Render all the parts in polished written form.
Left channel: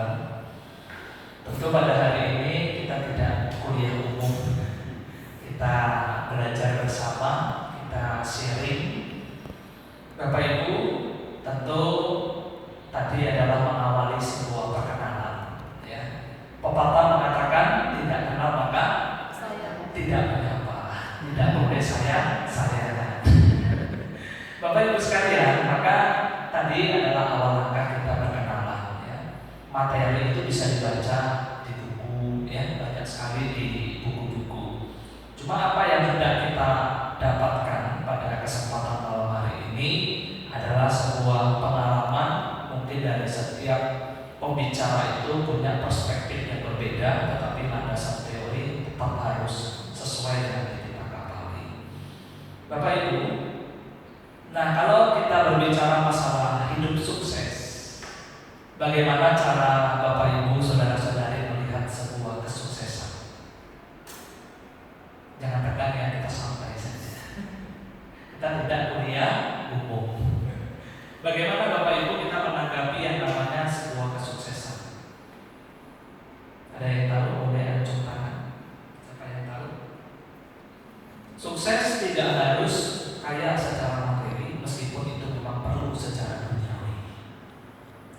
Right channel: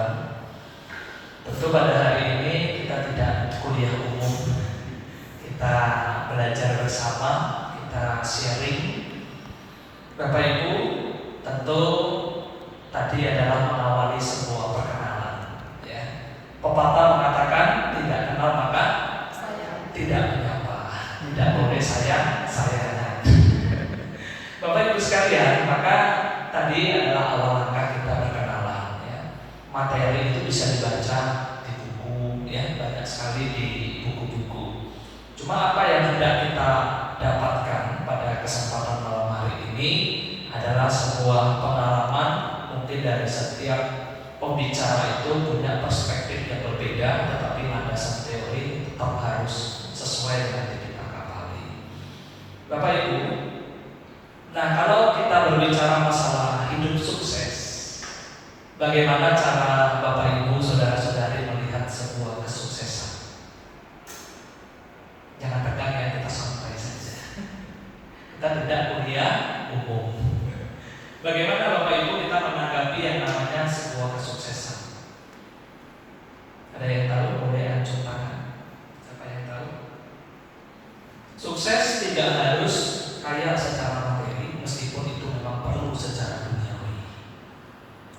Tuhan. Tentu pada hari ini kita tidak kuliah umum, kita belajar bersama, kita sharing. Bapak Ibu, tentu tadi adalah mengawali sebuah perkenalan. Ya. Pepatah mengatakan tidak kenal maka tidak menyapa, tidak boleh sayanya. Bapak Ibu sekalian, maka tadi adalah awal langkah kita berkenalan. Ya. Materi itu bisa dibaca di buku, ya, banyak sekali di buku-buku. Cuma apa yang hendak kita dapatkan pada kesempatan malam hari ini adalah sebuah pengalaman. Mungkin dari setiap pembicara itu punya perspektif yang berbeda, tetapi landasan teori tetap harus sesuai dengan yang kita kapali. Bapak Ibu, nah kalau kita berbicara masalah hidup sukses, bagaimana cara Bapak Ibu, saudara-saudari melihat sebuah kesuksesan? Jangan tegang ya, kita santai saja. Kita tidak kuliah umum. Bagaimana Bapak Ibu kita menanggapi yang namanya sebuah kesuksesan? Ada yang tahu? Boleh acung tangan. Siapa yang tahu? Sukses tidak harus kaya secara materi, meskipun itu memang perlu secara duniawi.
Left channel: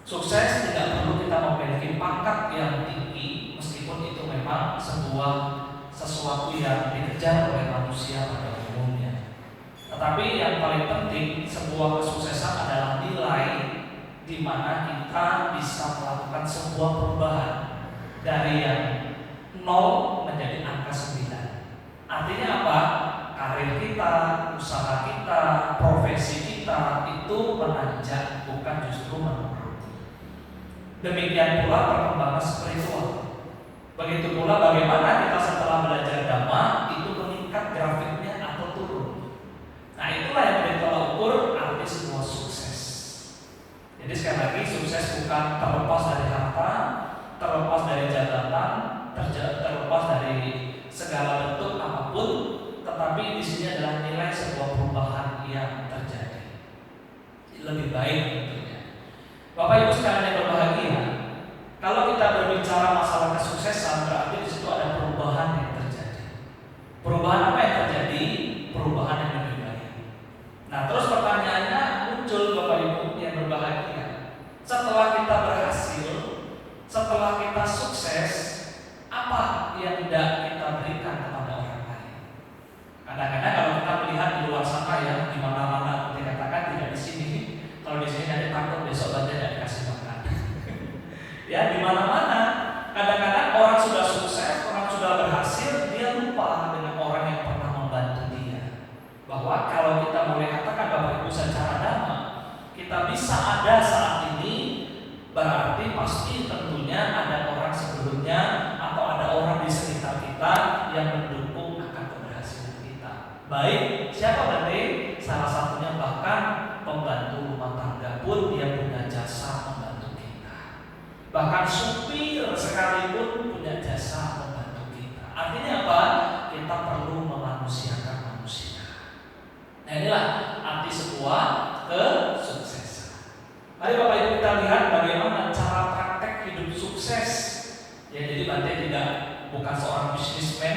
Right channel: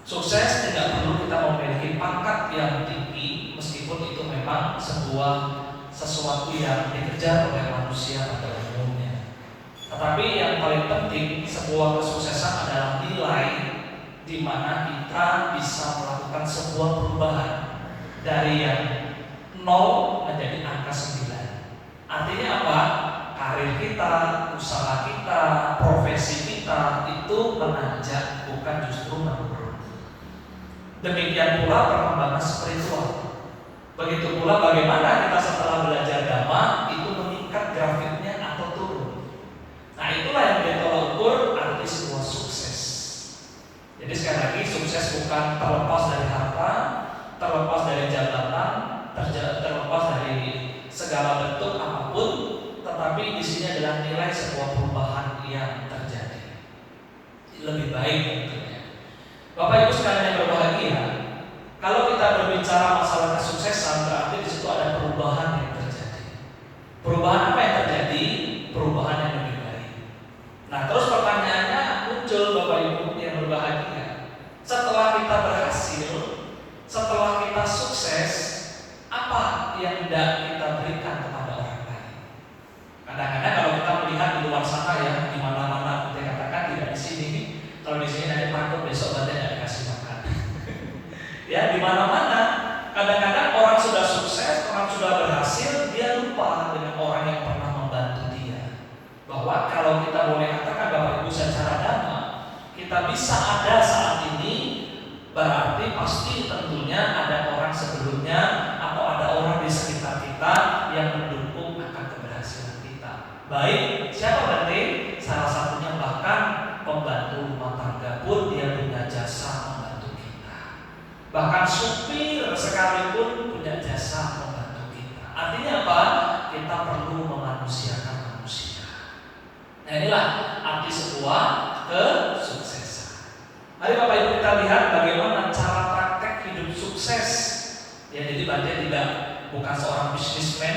Sukses tidak perlu kita memiliki pangkat yang tinggi, meskipun itu memang sesuatu yang dikejar oleh manusia pada umumnya. Tetapi yang paling penting, sebuah kesuksesan adalah nilai di mana kita bisa melakukan sebuah perubahan dari yang 0 menjadi angka 9. Artinya apa? Karir kita, usaha kita, profesi kita itu menanjak, bukan justru menurun. Demikian pula perkembangan spiritual. Begitu pula bagaimana kita setelah belajar dhamma itu meningkat grafiknya atau turun. Nah itulah yang ditolak ukur arti sebuah sukses. Jadi sekali lagi, sukses bukan terlepas dari harta, terlepas dari jabatan, terlepas dari segala bentuk apapun, tetapi di sini adalah nilai sebuah perubahan yang terjadi. Lebih baik tentunya. Bapak Ibu sekalian yang berbahagia, kalau kita berbicara masalah kesuksesan, berarti di situ ada perubahan yang terjadi. Perubahan apa yang terjadi? Perubahan yang lebih baik. Nah, terus pertanyaannya muncul Bapak Ibu yang berbahagia. Setelah kita berhasil, setelah kita sukses, apa yang hendak kita berikan kepada orang lain? Kadang-kadang kalau kita melihat di luar sana ya, di mana-mana dikatakan tidak di sini. Kalau di sini nanti takut besok nanti tidak dikasih makan. Ya, di mana-mana. Kadang-kadang orang sudah sukses, orang sudah berhasil, dia lupa dengan orang yang pernah membantu dia. Bahwa kalau kita boleh katakan Bapak Ibu secara dhamma, kita bisa ada saat ini, berarti pasti tentunya ada orang sebelumnya atau ada orang di sekitar kita yang mendukung akan keberhasilan kita. Baik, siapa berarti? Salah satunya bahkan pembantu rumah tangga pun dia punya jasa membantu kita. Bahkan supir sekalipun punya jasa membantu kita. Artinya apa? Kita perlu memanusiakan manusia. Nah inilah arti sebuah kesuksesan. Mari Bapak Ibu kita lihat bagaimana cara praktek hidup sukses. Ya, jadi Bante bukan seorang bisnismen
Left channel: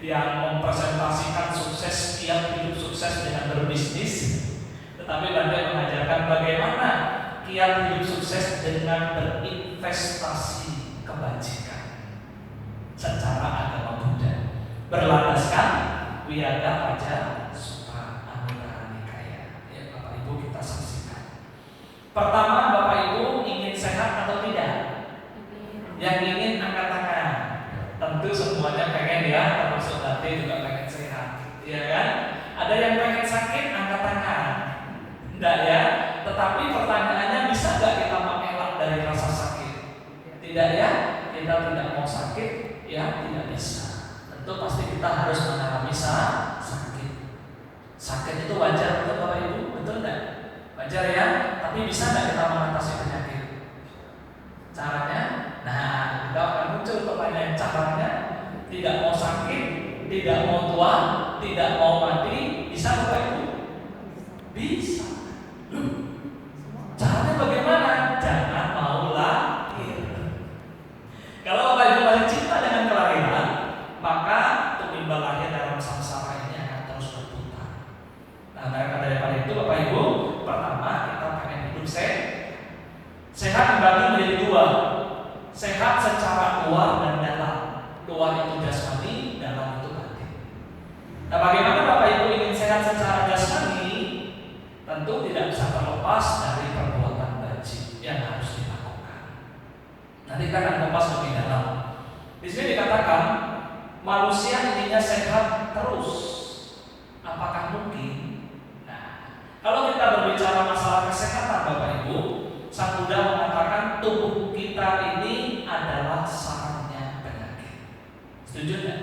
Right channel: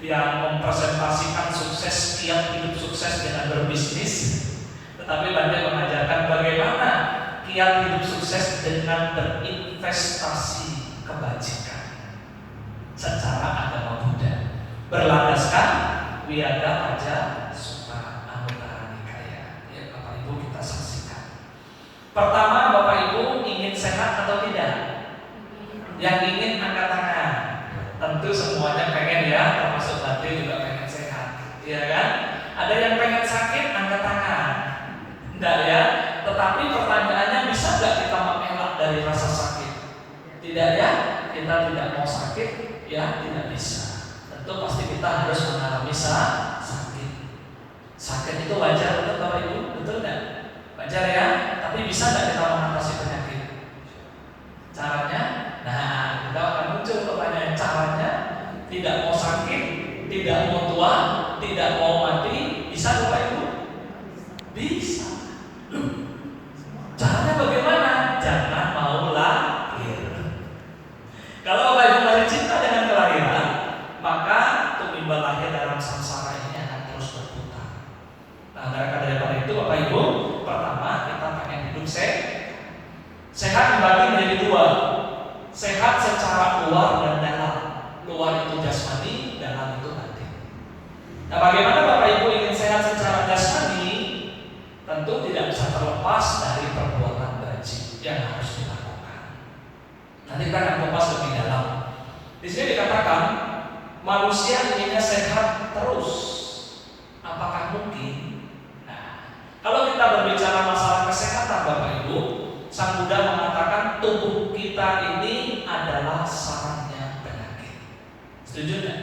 yang mempresentasikan sukses, tiap hidup sukses dengan berbisnis, tetapi Bante mengajarkan bagaimana kiat hidup sukses dengan berinvestasi kebajikan secara agama Buddha, berlandaskan Wiyada Paja Sutta Anuttara Nikaya. Ya, Bapak Ibu kita saksikan. Pertama, Bapak Ibu ingin sehat atau tidak? Yang ingin angkat tangan. Tentu semuanya pengen ya, termasuk Bante juga pengen sehat, ya kan? Ada yang pengen sakit, angkat tangan. Enggak ya? Tetapi pertanyaannya, bisa nggak kita mengelak dari rasa sakit? Tidak ya? Kita tidak mau sakit, ya tidak bisa. Tentu pasti kita harus mengalami sakit. Sakit itu wajar untuk Bapak Ibu, betul nggak? Wajar ya? Tapi bisa nggak kita mengatasi penyakit? Caranya? Nah, kita akan muncul pertanyaan caranya. Tidak mau sakit, tidak mau tua, tidak mau mati, bisa Bapak Ibu? Bisa. Caranya bagaimana? Jangan mau lahir. terbagi menjadi dua. Sehat secara luar dan dalam. Luar itu jasmani, dalam itu batin. Nah, bagaimana Bapak Ibu ingin sehat secara jasmani? Tentu tidak bisa terlepas dari perbuatan wajib yang harus dilakukan. Nanti kita akan kupas lebih dalam. Di sini dikatakan manusia inginnya sehat terus. Apakah mungkin? Nah, kalau kita berbicara masalah kesehatan Bapak Ibu, Sang Buddha mengatakan tubuh kita ini adalah sarangnya penyakit. Setuju nggak?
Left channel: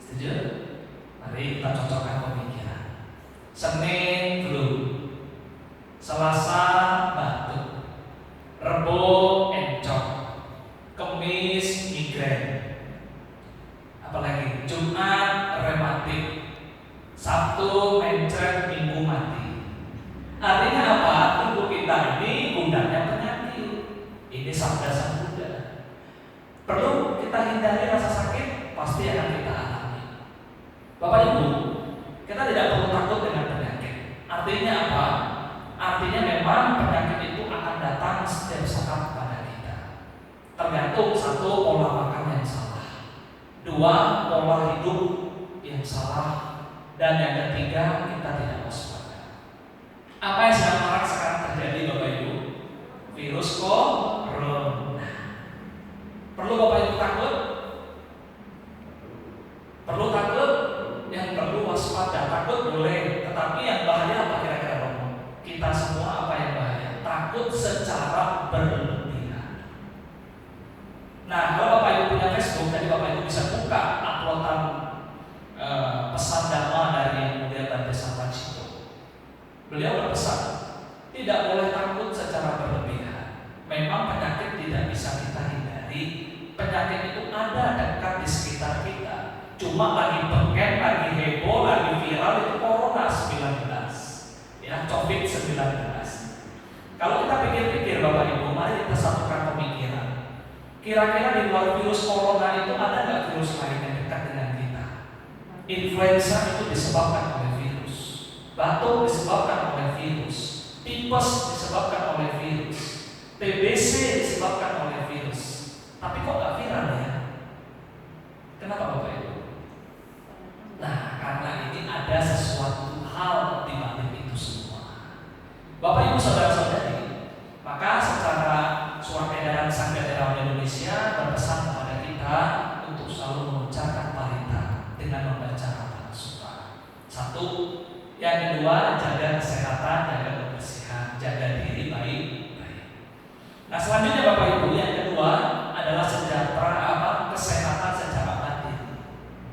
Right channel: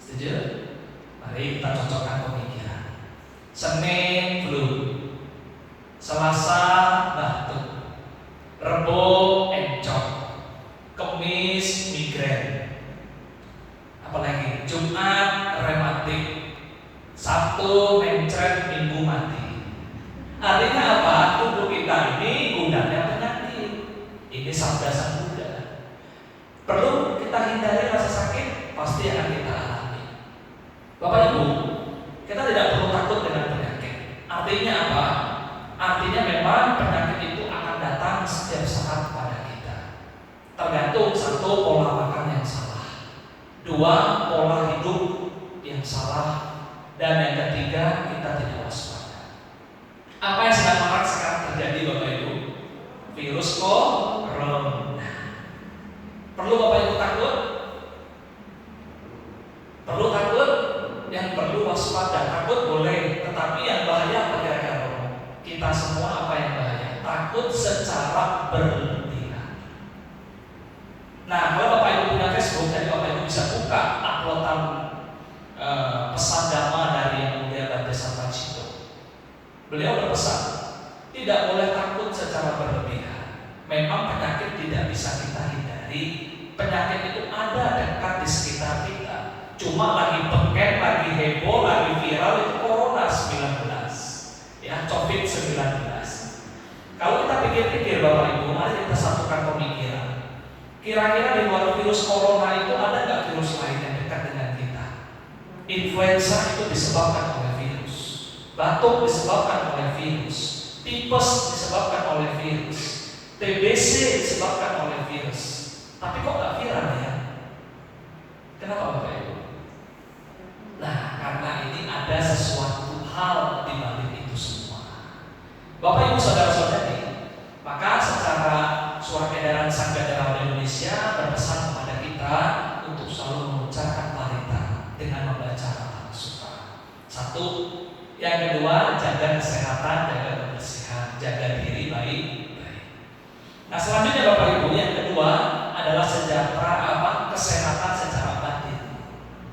Setuju? Mari kita cocokkan pemikiran. Senin flu, Selasa batuk, Rebo encok, Kemis migrain, apalagi Jumat rematik, Sabtu mencret, Minggu mati. Artinya apa? Tubuh kita ini gudangnya penyakit. Ini sabda Sang Buddha. Perlu kita hindari rasa sakit, pasti akan kita alami. Bapak Ibu, kita tidak perlu takut dengan penyakit. Artinya apa? Artinya memang penyakit itu akan datang setiap saat pada kita. Tergantung satu, pola makan yang salah, dua, pola hidup yang salah, dan yang ketiga, kita tidak waspada. Apa yang sekarang terjadi Bapak Ibu? Virus corona. Perlu Bapak Ibu takut? Perlu takut? Yang perlu waspada. Takut boleh, tetapi yang bahaya apa kira-kira Bapak? Kita semua apa yang bahaya? Takut secara berlebihan. Nah, kalau Bapak Ibu punya Facebook, jadi Bapak Ibu bisa buka uploadan pesan dhamma dari Yang Mulia Bante Satrajito. Beliau berpesan, tidak boleh takut secara berlebihan. Memang penyakit tidak bisa kita hindari. Penyakit itu ada dekat di sekitar kita. Cuma lagi pengen, lagi heboh, lagi viral itu Corona 19, ya, COVID-19. Kalau kita pikir-pikir Bapak Ibu, mari kita satukan pemikiran. Kira-kira di luar virus Corona itu ada nggak virus lain yang dekat dengan kita? Influenza itu disebabkan oleh virus, batuk disebabkan oleh virus, tipes disebabkan oleh virus, TBC disebabkan oleh virus. Tapi kok nggak viral ya? Kenapa Bapak Ibu? Nah, karena ini ada sesuatu hal di balik itu semua. Bapak Ibu saudara-saudari, maka secara surat edaran Sangga Dalam Indonesia berpesan kepada kita untuk selalu mengucapkan parita dengan membaca Ratana Sutta. Satu, yang kedua jaga kesehatan, jaga kebersihan, jaga diri baik-baik. Nah, selanjutnya Bapak Ibu, yang kedua adalah kesehatan secara batin.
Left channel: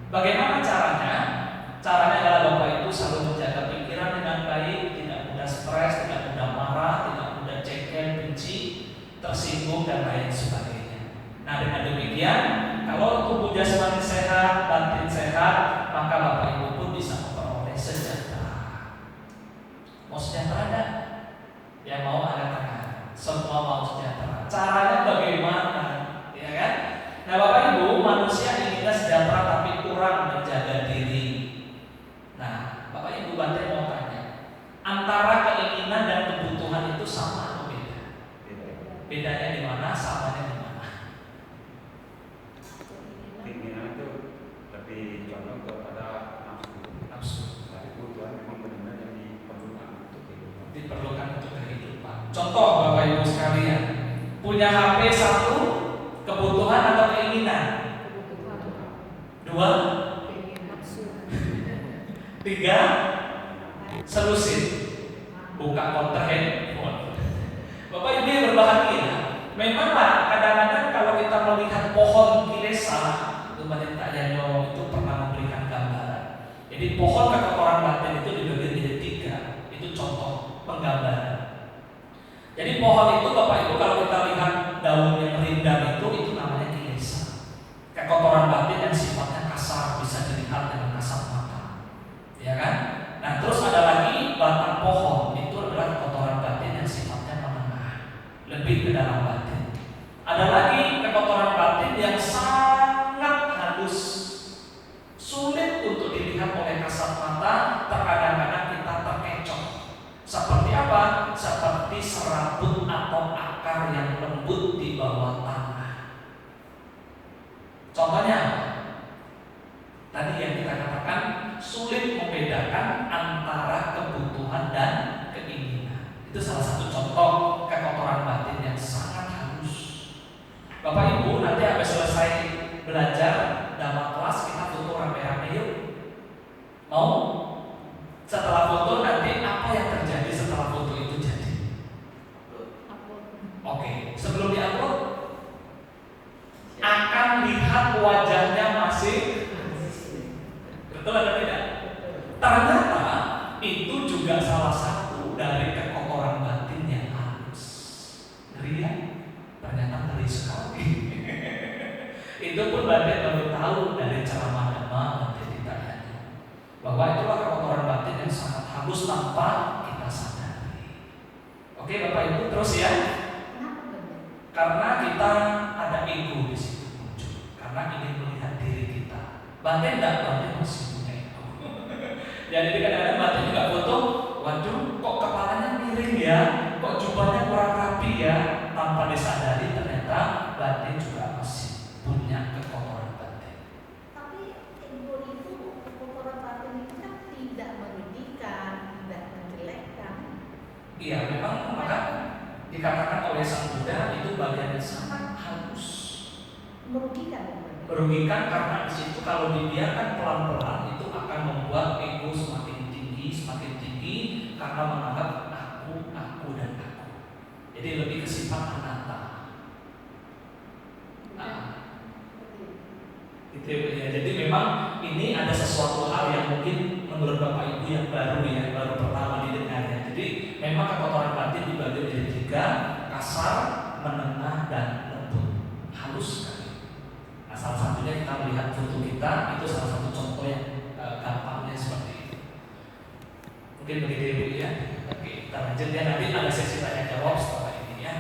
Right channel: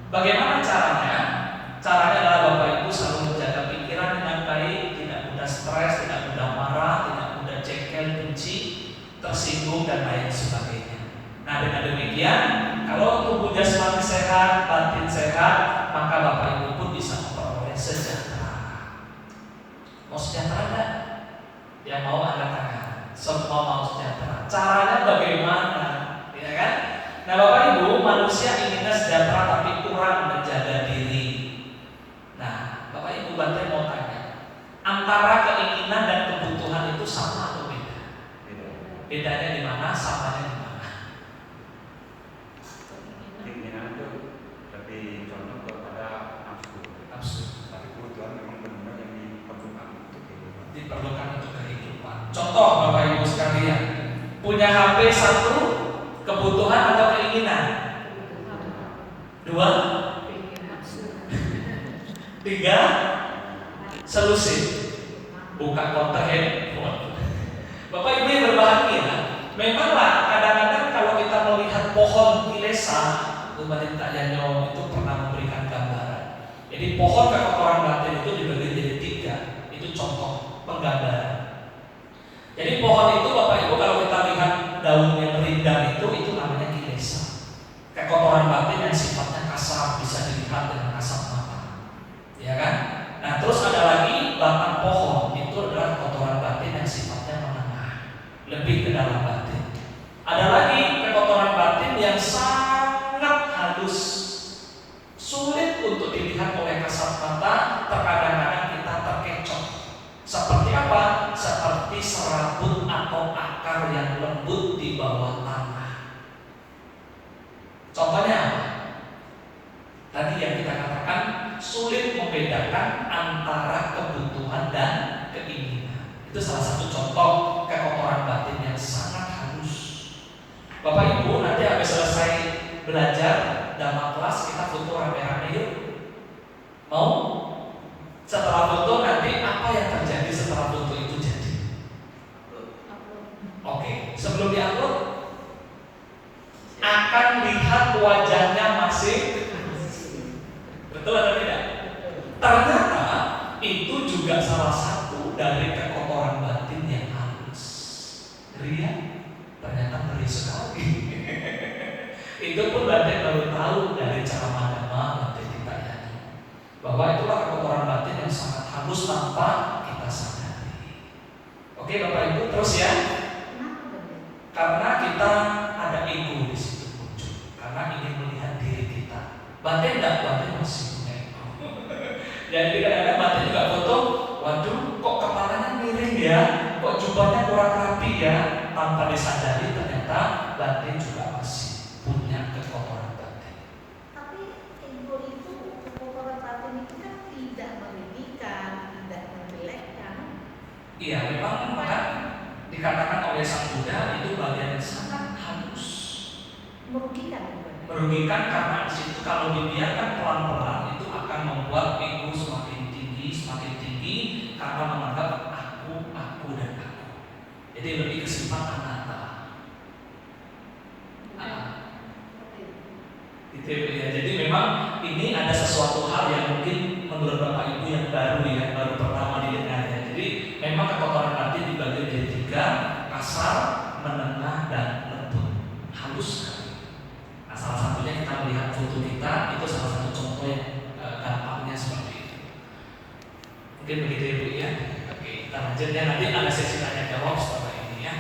Bagaimana caranya? Caranya adalah Bapak Ibu selalu menjaga pikiran dengan baik, tidak mudah stres, tidak mudah marah, tidak mudah jengkel, benci, tersinggung dan lain sebagainya. Nah, dengan demikian, kalau tubuh jasmani sehat, batin sehat, maka Bapak Ibu pun bisa memperoleh sejahtera. Mau sejahtera enggak? Yang mau angkat tangan. Semua mau sejahtera. Caranya bagaimana? Ya kan? Nah, Bapak Ibu, manusia inginnya sejahtera tapi kurang menjaga diri. Nah, Bapak Ibu Bante mau tanya, antara keinginan dan kebutuhan itu sama atau beda? Bedanya di mana? Samanya di mana? Keinginan itu lebih condong kepada nafsu. Nafsu. Tapi kebutuhan memang benar-benar yang diperlukan untuk kehidupan. Diperlukan untuk kehidupan. Contoh Bapak Ibu sekalian, punya HP satu, kebutuhan atau keinginan? Dua? Tiga? Solusi. Buka konter handphone. Bapak Ibu yang berbahagia, memanglah kadang-kadang kalau kita melihat pohon kilesa, pemerintah Yanyo itu pernah memberikan gambaran. Jadi pohon kekotoran batin itu dibagi jadi tiga. Itu contoh penggambaran. Jadi pohon itu Bapak Ibu kalau kita lihat daun yang rindang itu namanya kilesa. Kekotoran batin yang sifatnya kasar, bisa dilihat dengan kasat mata. Ya kan? Nah, terus ada lagi batang pohon, itu adalah kotoran batin yang sifatnya menengah, upload akan lihat wajahnya masih. Betul atau tidak? Ternyata itu juga salah satu dari kekotoran batin yang halus. Ngeri ya? Ternyata ngeri sekali. Itu pun batin baru tahu dari ceramah Dhamma Bante Tirtayadi bahwa itulah kekotoran batin yang sangat halus tanpa kita sadari. Oke Bapak Ibu, terus ya. Karena kita ada ego di situ muncul. Karena ingin melihat diri kita. Batin tidak, batin masih punya ego. Jadi kadang-kadang batin juga foto, waduh kok kepalanya miring ya, kok jubahnya kurang rapi ya. Tanpa disadari ternyata batin juga masih punya kekotoran batin. Tapi ego itu, kekotoran batin itu kan tidak merugikan, tidak menjelekkan. Iya, memang maka dikatakan oleh Sang Buddha itu bagian yang sangat halus. Merugikan karena di situ kalau dibiarkan pelan-pelan itu akan membuat ego semakin tinggi karena menganggap aku dan aku. Jadi lebih kesifat anatta. Gitu ya. Jadi memang ini ada sesuatu hal yang mungkin menurut Bapak Ibu yang baru ya, baru pertama didengarnya. Jadi memang kekotoran batin dibagi menjadi 3, kasar, menengah, dan lembut. Halus sekali. Nah, salah satunya kita melihat foto kita itu salah satu contoh yang gampangnya seperti itu. Mungkin begitu Ibu ya. Oke, kita lanjut ya. Nanti ada sesi tanya jawab setelah ini ya.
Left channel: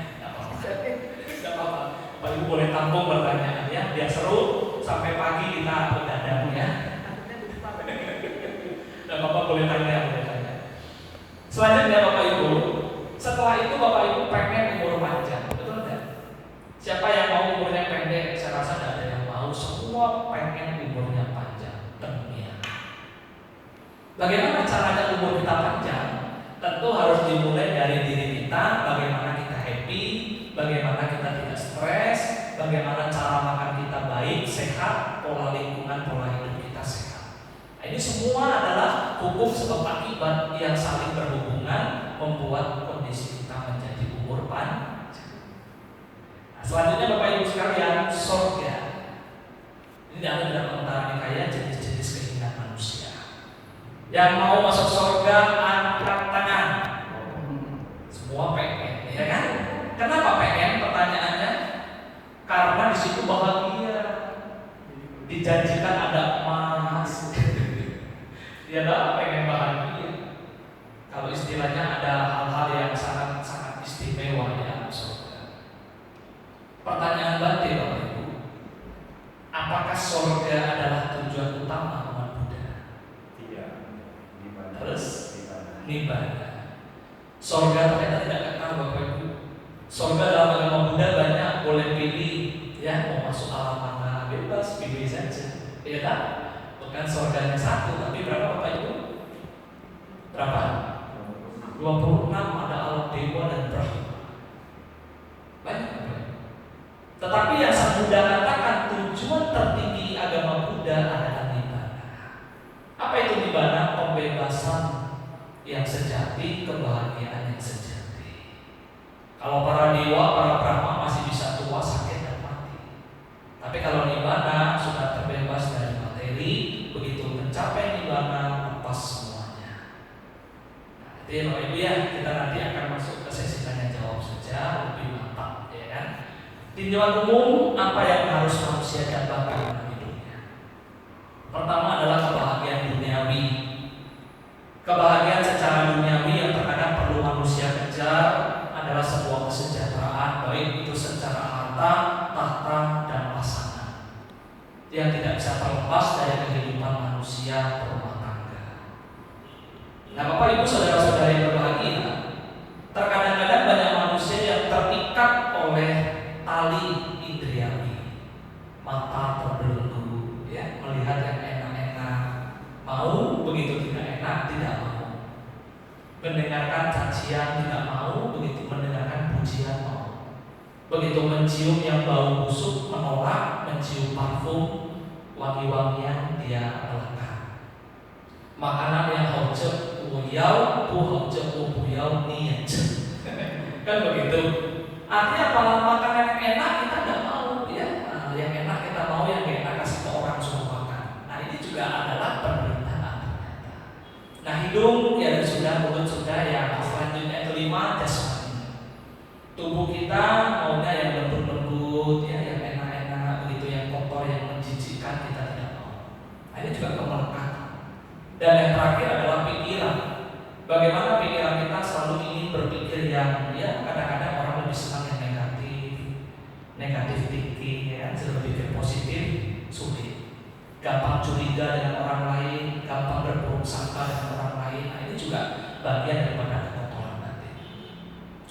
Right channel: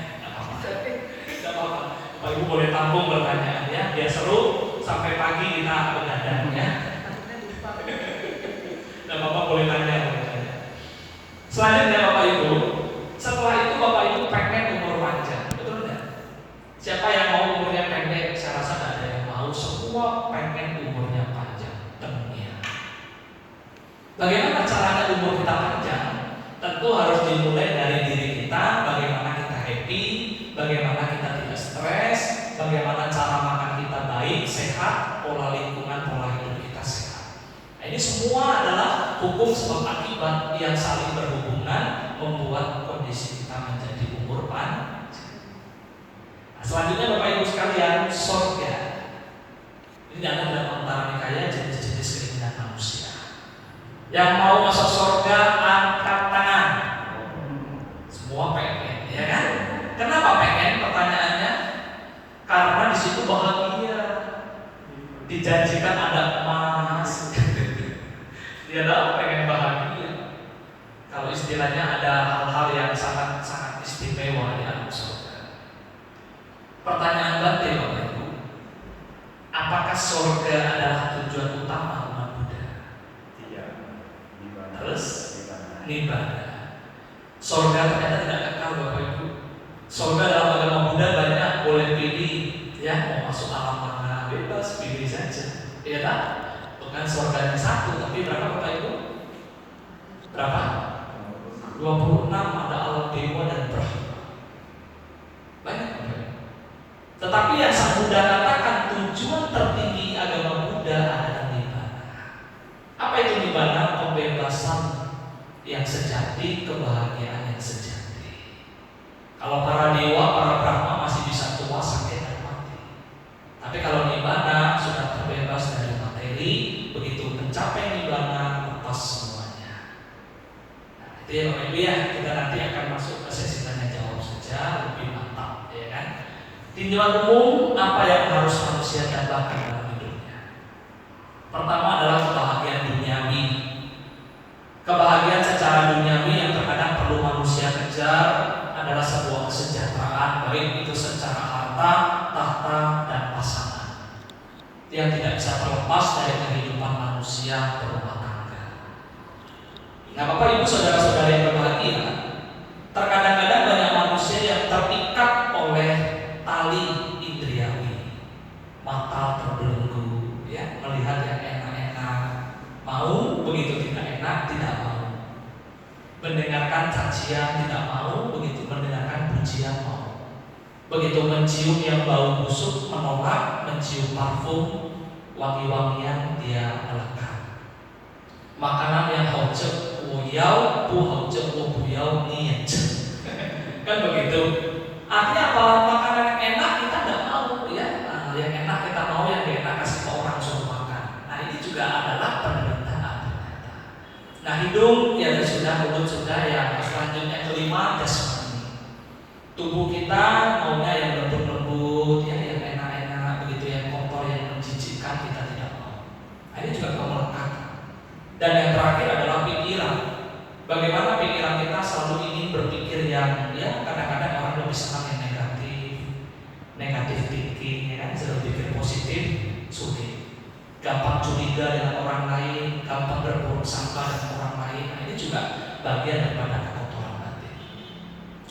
Tidak apa-apa. Bapak Ibu boleh tampung pertanyaan ya, biar seru sampai pagi kita begadang ya. Dan Bapak boleh tanya. Selanjutnya Bapak Ibu, setelah itu Bapak Ibu pengen umur panjang, betul tidak? Siapa yang mau umurnya pendek? Saya rasa tidak ada yang mau. Semua pengen umurnya panjang. Dunia. Bagaimana caranya umur kita panjang? Tentu harus dimulai dari diri kita. Bagaimana kita happy, bagaimana kita tidak stres, bagaimana cara makan kita baik, sehat, pola lingkungan, pola hidup kita sehat. Nah, ini semua adalah hukum sebab akibat yang saling berhubungan membuat kondisi kita menjadi umur panjang. Nah, selanjutnya Bapak Ibu sekalian, surga. Ini ada dalam antara nikaya jenis-jenis keinginan manusia. Yang mau masuk surga angkat tangan. Semua pengen, ya kan? Kenapa pengen? Pertanyaannya, karena di situ bahagia, dijanjikan ada emas. Dia pengen bahagia. Kalau istilahnya ada hal-hal yang sangat istimewa di alam surga. Pertanyaan batin Bapak Ibu, apakah surga adalah tujuan utama umat Buddha? Tidak. Terus nibbana. Surga ternyata tidak kekal Bapak Ibu. Surga dalam agama Buddha banyak, boleh pilih ya, mau masuk alam mana bebas, pilih saja. Iya tak? Bukan surga yang satu, tapi berapa Bapak Ibu? Berapa? 26, ada alam dewa dan Brahma. Banyak Bapak. Tetapi yang Sang Buddha katakan tujuan tertinggi agama Buddha adalah nibbana. Apa itu nibbana? Pembebasan yang sejati, kebahagiaan yang sejati. Kalau para dewa, para Brahma masih bisa tua, sakit, dan mati. Tapi kalau nibbana sudah terbebas dari materi, begitu mencapai nibbana lepas semuanya. Nah, itu ya Bapak Ibu ya, kita nanti akan masuk ke sesi tanya jawab saja lebih mantap, ya kan? Tinjauan umum apa yang harus manusia dapatkan dalam hidupnya? Pertama adalah kebahagiaan duniawi. Kebahagiaan secara duniawi yang terkadang perlu manusia kejar adalah sebuah kesejahteraan, baik itu secara harta, tahta, dan pasangan, yang tidak bisa terlepas dari kehidupan manusia berumah tangga. Nah Bapak Ibu saudara-saudara yang berbahagia, terkadang-kadang banyak manusia yang terikat oleh tali indriawi, mata terbelenggu, ya, melihat yang enak-enak, mau, begitu tidak enak tidak mau, mendengarkan cacian tidak mau, begitu mendengarkan pujian mau, begitu mencium yang bau busuk menolak, mencium parfum wangi-wangian dia melekat. Makanan yang hojek uyau, pu hojek uyau niat. Kan begitu. Artinya apa? Makanan yang curiga dengan orang lain, gampang berburuk sangka dengan orang lain. Nah, ini juga bagian daripada kekotoran batin.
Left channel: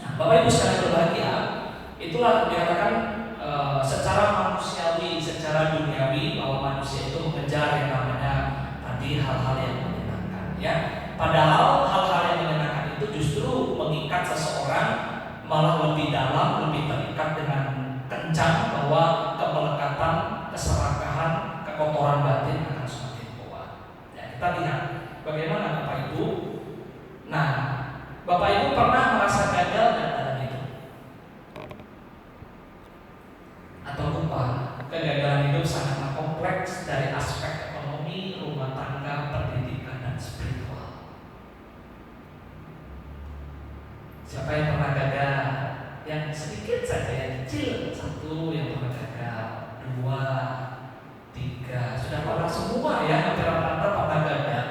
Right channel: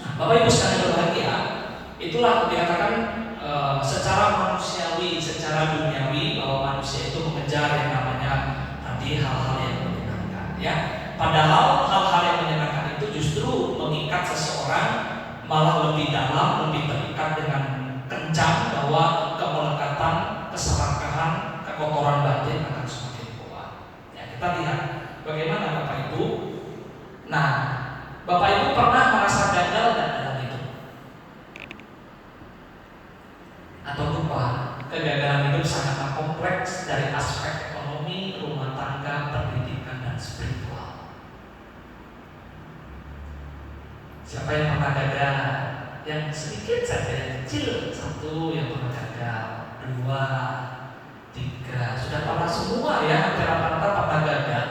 Nah, Bapak Ibu sekalian berbahagia, itulah dikatakan secara manusiawi, secara duniawi bahwa manusia itu mengejar yang namanya tadi hal-hal yang menyenangkan, ya. Padahal hal-hal yang menyenangkan itu justru mengikat seseorang malah lebih dalam, lebih terikat dengan kencang bahwa kemelekatan, keserakahan, kekotoran batin akan semakin kuat. Ya, kita lihat bagaimana Bapak Ibu. Nah, Bapak Ibu pernah merasa gagal dalam hidup? Atau lupa? Kegagalan hidup sangatlah kompleks dari aspek ekonomi, rumah tangga, pendidikan, dan spiritual. Siapa yang pernah gagal? Yang sedikit saja, yang kecil. Satu yang pernah gagal, 2, 3, sudah pernah semua ya, hampir rata-rata pernah gagal.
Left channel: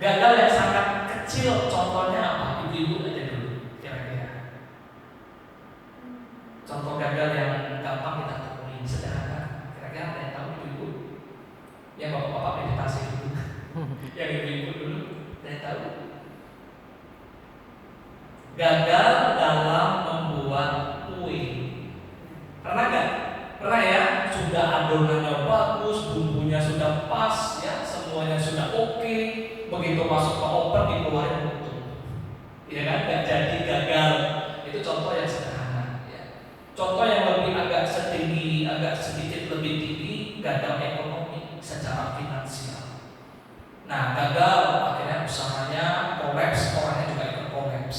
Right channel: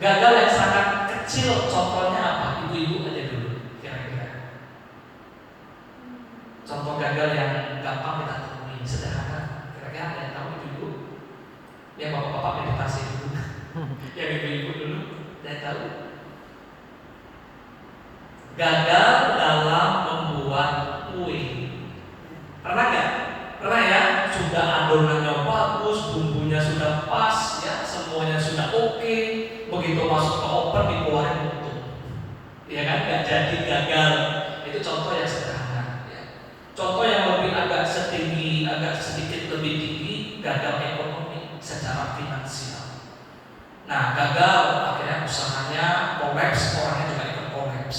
Gagal yang sangat kecil, contohnya apa? Ibu-ibu aja dulu, kira-kira. Contoh gagal yang gampang kita temui, sederhana. Kira-kira ada yang tahu ibu-ibu? Yang bapak-bapak meditasi dulu, yang ibu-ibu dulu, ada yang tahu? Gagal dalam membuat kue. Pernah nggak? Pernah ya? Sudah adonannya bagus, bumbunya sudah pas, ya semuanya sudah oke. Begitu masuk ke oven dikeluarin utuh. Ya kan? Nggak jadi, gagal. Itu contoh yang sederhana. Ya. Contoh yang lebih agak setinggi, agak sedikit lebih tinggi, gagal ekonomi secara finansial. Nah, gagal akhirnya usahanya kolaps, orangnya juga ikut kolaps.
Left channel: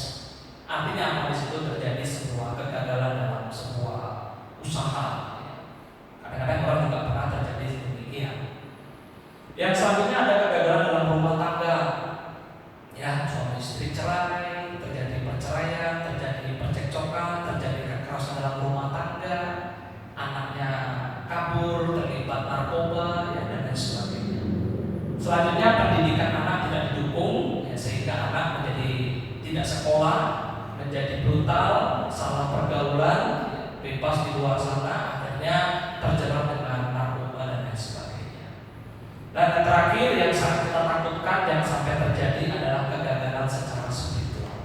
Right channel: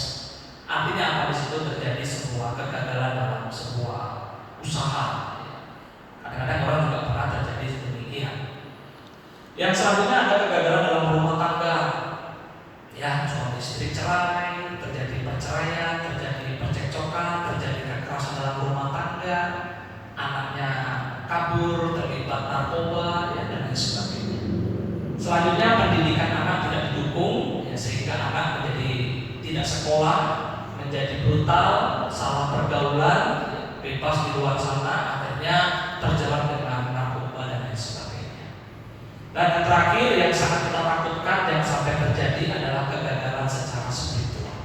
Artinya apa? Di situ terjadi sebuah kegagalan dalam sebuah usaha. Kadang-kadang orang juga pernah terjadi demikian. Yang selanjutnya ada kegagalan dalam rumah tangga. Ya, suami istri cerai, terjadi perceraian, terjadi percekcokan, terjadi kekerasan dalam rumah tangga, anaknya kabur, terlibat narkoba, ya, dan lain sebagainya. Selanjutnya pendidikan anak tidak didukung, ya, sehingga anak menjadi tidak sekolah, menjadi brutal, salah pergaulan, bebas di luar sana, akhirnya terjerat dengan narkoba dan lain sebagainya. Dan yang terakhir yang sangat kita takutkan yang sampai terjadi adalah kegagalan secara spiritual.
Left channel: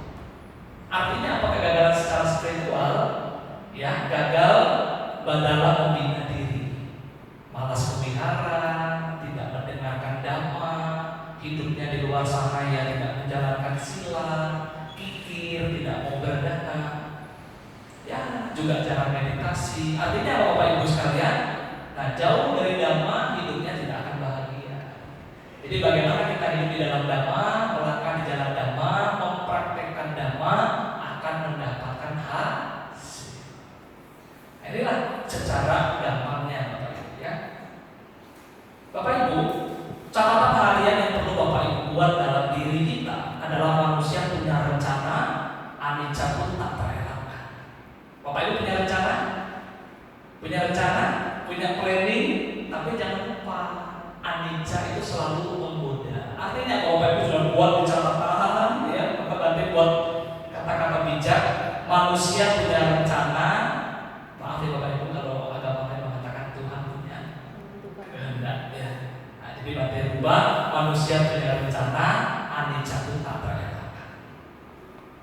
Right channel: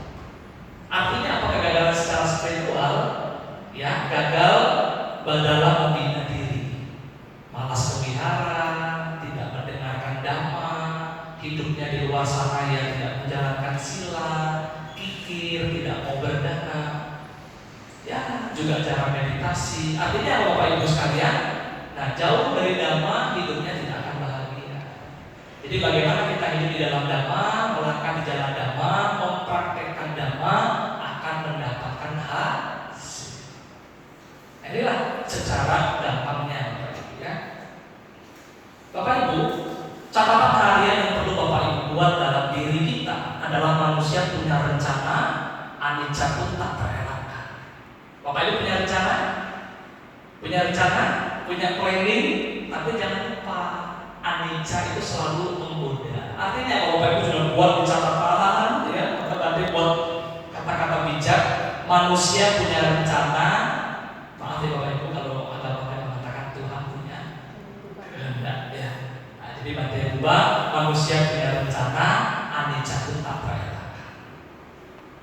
Artinya apa kegagalan secara spiritual? Ya, gagal dalam membina diri, malas melihara, tidak mendengarkan dhamma, hidupnya di luar sana yang tidak menjalankan sila, tidak mau berdana, ya juga cara meditasi. Artinya Bapak Ibu sekalian, nah jauh dari dhamma hidupnya tidak akan bahagia. Jadi bagaimana kita hidup di dalam dhamma, melangkah di jalan dhamma, mempraktekkan dhamma akan mendapatkan hasil. Nah, inilah secara gampangnya, ya. Bapak Ibu, catatan harian yang perlu Bapak Ibu buat dalam diri kita adalah manusia punya rencana, anicca pun tak terelakkan. Bapak Ibu punya rencana, punya planning, tapi jangan lupa anicca itu selalu menggoda. Artinya kalau Bapak Ibu sudah buat di catatan, ya, maka nanti buat kata-kata bijak. Manusia punya rencana, maaf ya Bapak Ibu kalau agama mengatakan Tuhan punya kehendak, ya. Nah, jadi nanti rubah, manusia punya rencana, anicca pun tak terelakkan.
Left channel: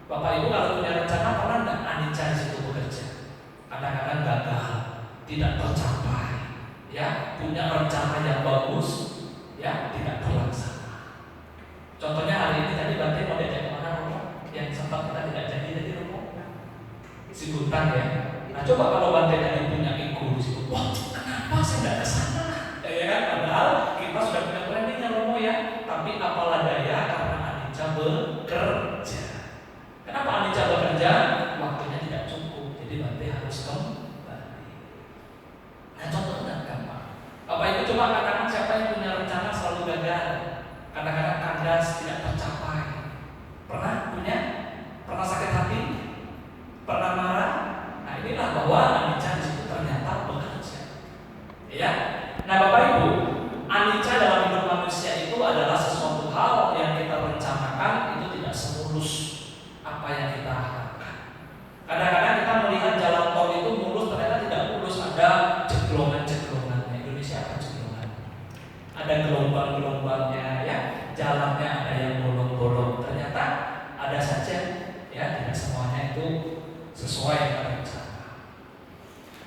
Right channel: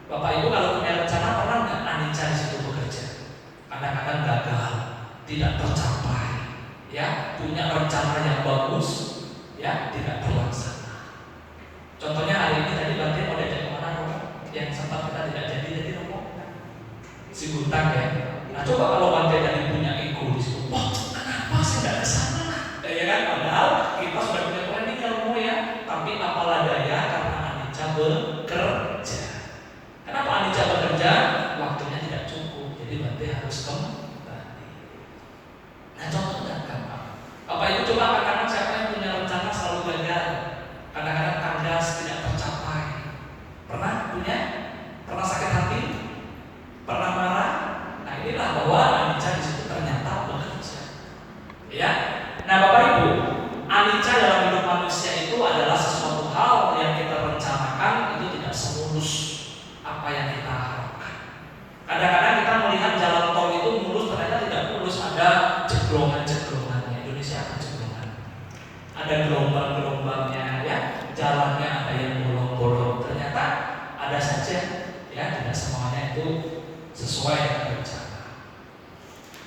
Bapak Ibu kalau punya rencana pernah nggak anicca di situ bekerja? Kadang-kadang gagal, tidak tercapai, ya. Punya rencana yang bagus, ya, tidak terlaksana. Contohnya hari ini tadi Bante mau diajak kemana, Romo? Yang sempat kita tidak jadi Romo, si Gutang, ya. Nah coba kalau Bante tadi punya ego di situ, wah kenapa sih nggak kesana? Ya kan, padahal kita sudah punya planning ya Romo, ya. Tapi apalah daya karena anicca bekerja. Kenapa anicca bekerja? Waktunya tidak cukup, jadi Bante harus kembali. Nah contohnya apa? Bapak Ibu coba katakan siapa yang punya rencana selalu gagal, kadang-kadang kandas, tidak tercapai. Pernah punya? Pernah sakit hati? Pernah marah? Nah inilah bahwa anicca di situ ternyata bekerja. Ya. Nah Bapak Ibu, anicca dalam hidup manusia itu adalah sesuatu hal yang kita rencanakan itu tidak semulus apa yang kita harapkan. Kadang-kadang kita melihat jalan tol itu mulus, ternyata tidak mulus, ada ceklongan-ceklongannya. Indonesia akan ceklongan. Ada gelombang-gelombang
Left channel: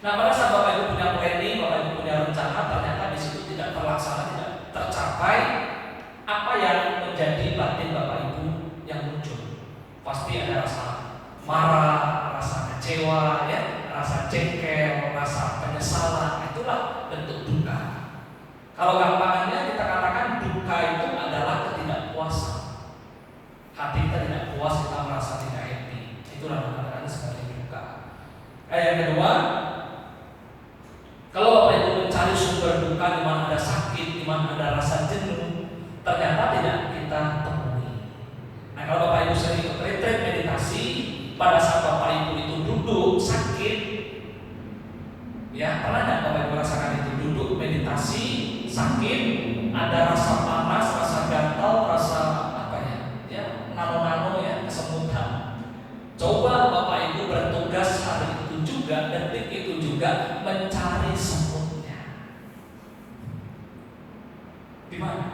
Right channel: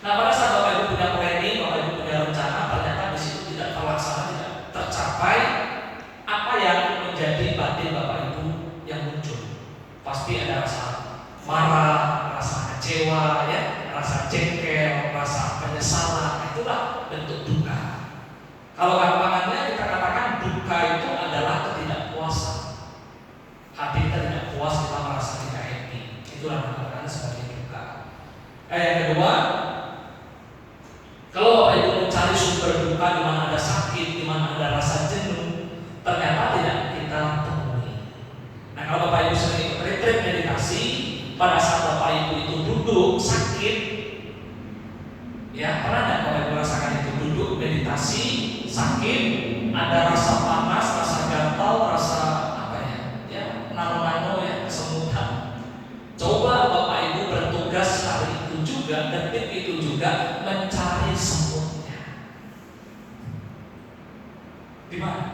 Nah, pada saat Bapak Ibu punya planning, Bapak Ibu punya rencana, ternyata di situ tidak terlaksana, tidak tercapai apa yang menjadi batin Bapak Ibu yang muncul. Pasti ada rasa marah, rasa kecewa, ya, rasa jengkel, rasa penyesalan. Itulah bentuk duka. Kalau gampangannya kita katakan duka itu adalah ketidakpuasan. Hati kita tidak puas, kita merasa tidak happy. Itulah dikatakan sebagai duka. Yang kedua, kalau Bapak Ibu mencari sumber duka di mana ada sakit, di mana ada rasa jenuh, ternyata tidak kita temui. Nah, kalau Bapak Ibu sering ikut retreat meditasi, pada saat Bapak Ibu itu duduk sakit, ya pernah tidak Bapak Ibu merasakan itu? Duduk meditasi sakit, ada rasa panas, rasa gatal, rasa apa ya? Ya nano-nano ya, kesemutan. Coba Bapak Ibu bertugas hari itu juga, detik itu juga mencari semutnya. Di mana?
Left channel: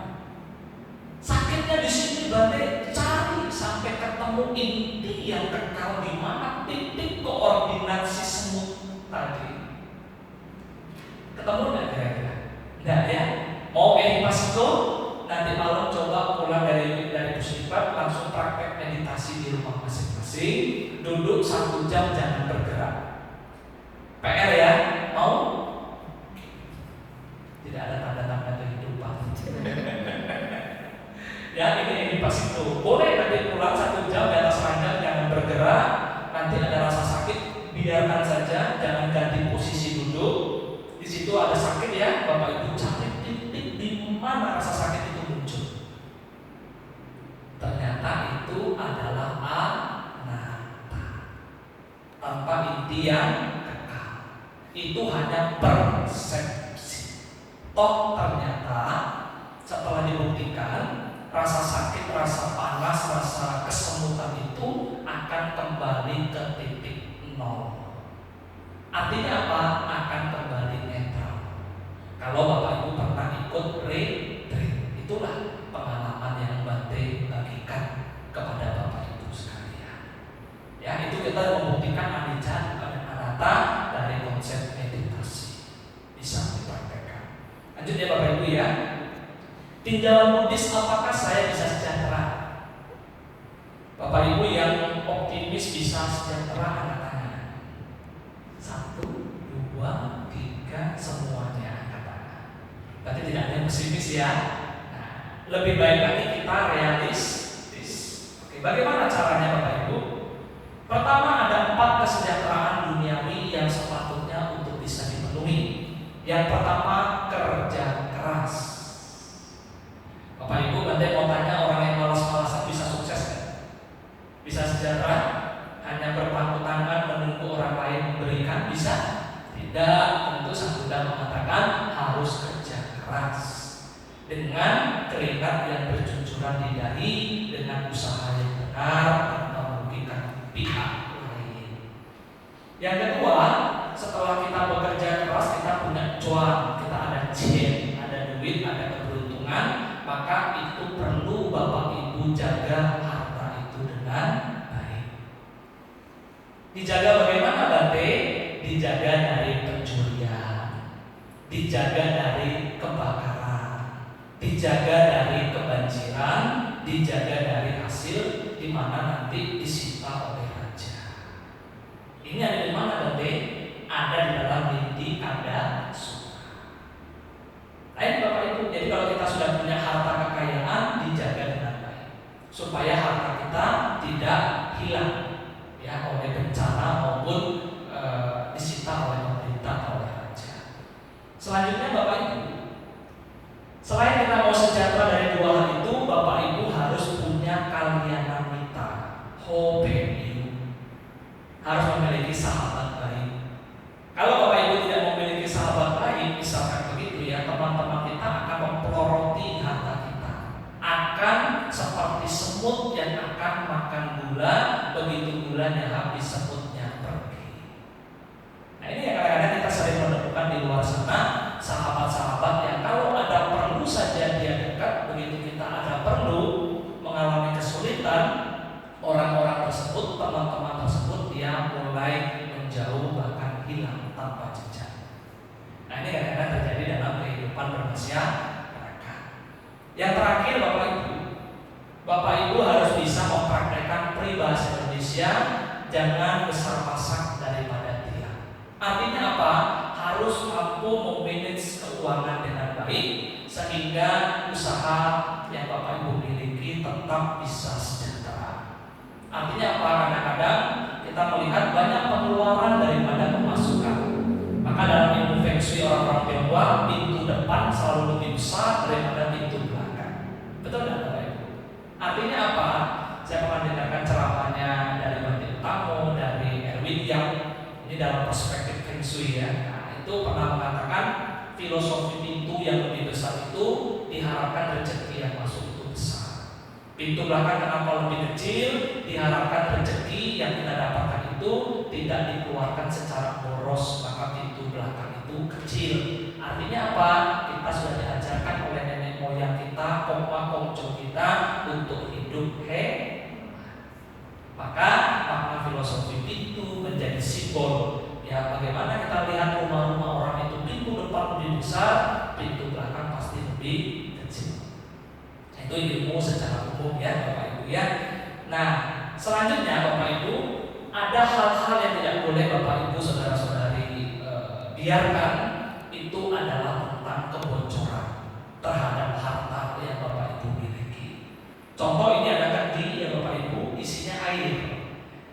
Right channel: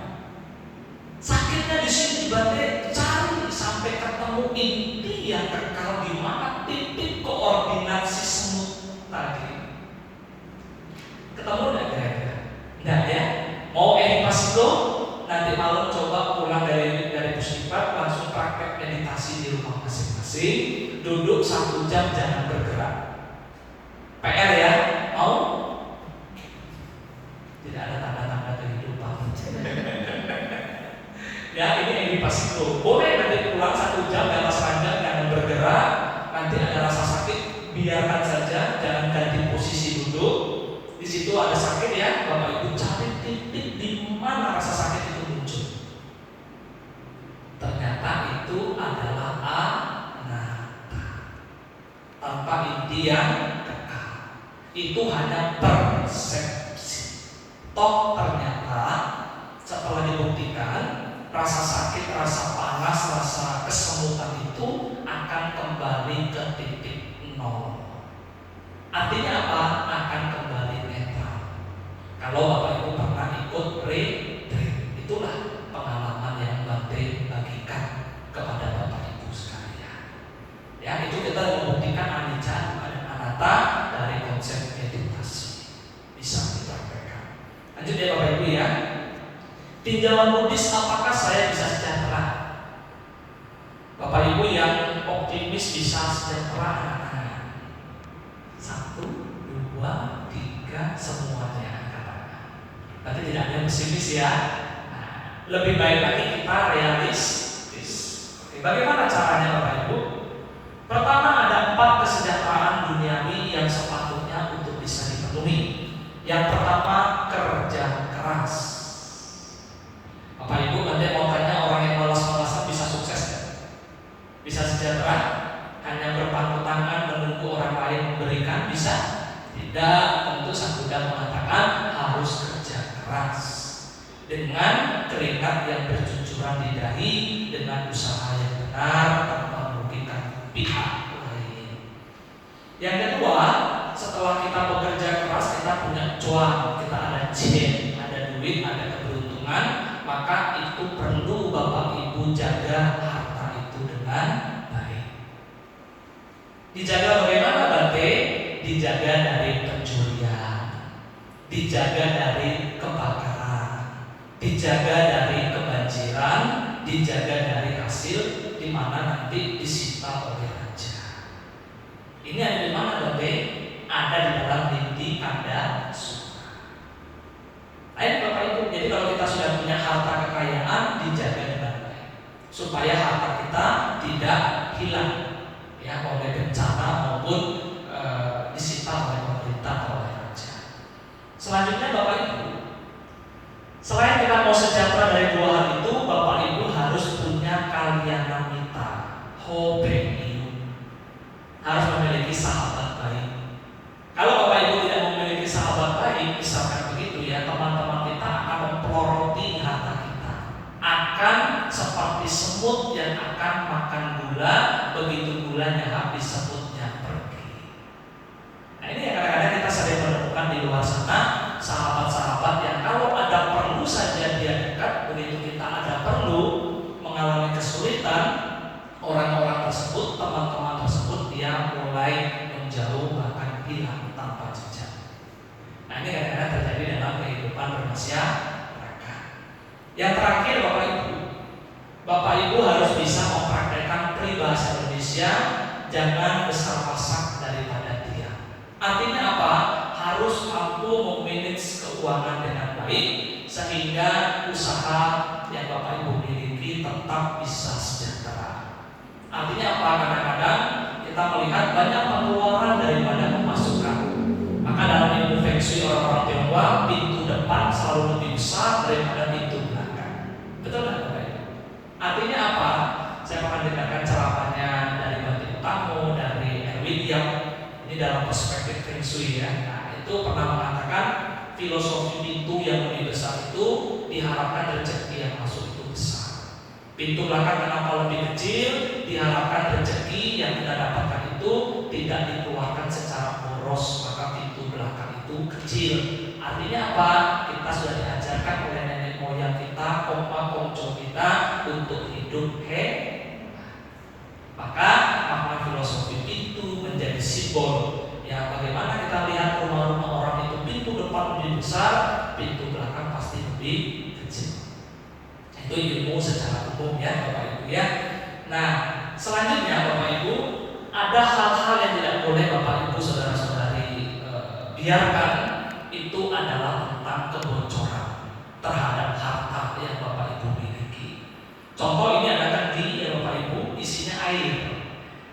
Sakitnya di sini berarti cari sampai ketemu inti yang kekal di mana titik koordinasi semut tadi. Ketemu enggak kira-kira? Enggak ya? Mau edukasiko? Nanti malam coba pulang dari puskesmas langsung praktek meditasi di rumah masing-masing. Duduk 1 jam jangan bergerak. PR ya? Mau? Tidak ada tanda-tanda kehidupan. Ya ini edukasiko. Boleh nanti pulang 1 jam di atas ranjang jangan bergerak. Nanti ada rasa sakit biarkan saja, jangan ganti posisi duduk. Di situ ada sakit ya, Bapak Ibu cari titik di mana rasa sakit itu muncul. Ternyata itu adalah anatta, tanpa inti yang kekal. Itu hanya persepsi. Toh ternyata setelah dibuktikan rasa sakit, rasa panas, rasa kesemutan itu akan kembali ke titik nol. Artinya apa? Akan kembali netral. Kalau Bapak Ibu pernah ikut retreat, itulah pengalaman yang Bante bagikan kepada Bapak Ibu sekalian. Ya, itu kita membuktikan anicca bukan anatta dari konsep meditasi. Bisa dipraktekkan. Lanjut ya Bapak Ibu ya. Tinjauan Buddhis, apakah saya bisa sejahtera? Bapak Ibu yang optimis bisa sejahtera anak-anak. 1, 2, 3 semuanya katakan. Tapi tidak ada yang pesimis ya. Nah, lebih baik lagi kita realistis. Oke, bagaimana caranya Bapak Ibu? Pertama ada 4 kesejahteraan duniawi yang sepatutnya untuk bisa dipenuhi. Yang pertama kerja keras. Bapak Ibu nanti mau tanya orang yang malas-malasan bisa sukses kan? Bisa sejahtera? Hanya berpangku tangan menunggu orang lain memberikan bisa? Tidak. Tentu Sang Buddha mengatakan harus kerja keras dengan keringat yang bercucuran di dahi, dengan usaha yang benar tanpa merugikan pihak lain. Yang kedua, setelah kita bekerja keras, kita punya cuan, kita ada jen, ada duit, ada keberuntungan, maka itu perlu Bapak Ibu jaga harta itu dengan baik. Dijaga bagaimana Bante? Dijaga dari pencurian, dijaga dari kebakaran, dijaga dari kebanjiran, dijaga dari hasil di mana nanti disita oleh raja. Ini ada di mana Bante? Ada di dalam niti ada suka. Ayo Bapak Ibu, jadi kalau kita sudah punya harta kekayaan, dijaga dengan baik supaya harta kita tidak hilang ya oleh bencana maupun disita oleh pemerintah atau oleh raja. Selanjutnya Bapak Ibu, selain kita mau sejahtera dari 2 hal itu, Bapak Ibu harus punya kalyanamita, hobeni. harus mampu memanage keuangan dengan baik sehingga usaha yang Bapak Ibu miliki tetap bisa sejahtera. Artinya apa? Kadang-kadang kita melihat banyak pengeluaran daripada pemasukan. Maka dalam ilmu Feng Shui orang-orang Tionghoa, pintu depan selalu lebih besar daripada pintu belakang. Betul nggak Bapak Ibu? Artinya apa? Saya pernah dengarkan ceramahnya dari Bante Utamo, dari Erwin Yang. Ini dalam perspektif Feng Shui ya. Nah, itu pernah mengatakan filosofi pintu yang lebih besar itu diharapkan rezeki yang masuk itu besar. Pintu belakang kenapa lebih kecil? Diharapkan rezeki yang kita dapatkan itu tidak dikeluarkan secara boros, maka pintu belakang itu kecil. Artinya apa? Kita sudah diajarkan oleh nenek moyang kita, kongco kita untuk hidup maka makna filosofi pintu menjadi simbol ya bagaimana kita lihat rumah-rumah orang itu pintu depan lebih besar, pintu belakang pasti lebih kecil. Itu ilmu secara umum ya Bapak Ibu ya. Nah selanjutnya Bapak Ibu, ada hal-hal yang tidak boleh Bapak Ibu saudara-saudari biarkan. Itu adalah tentang kebocoran terhadap harta yang Bapak Ibu miliki. Contoh ini ada tadi ya Bapak Ibu, isinya air.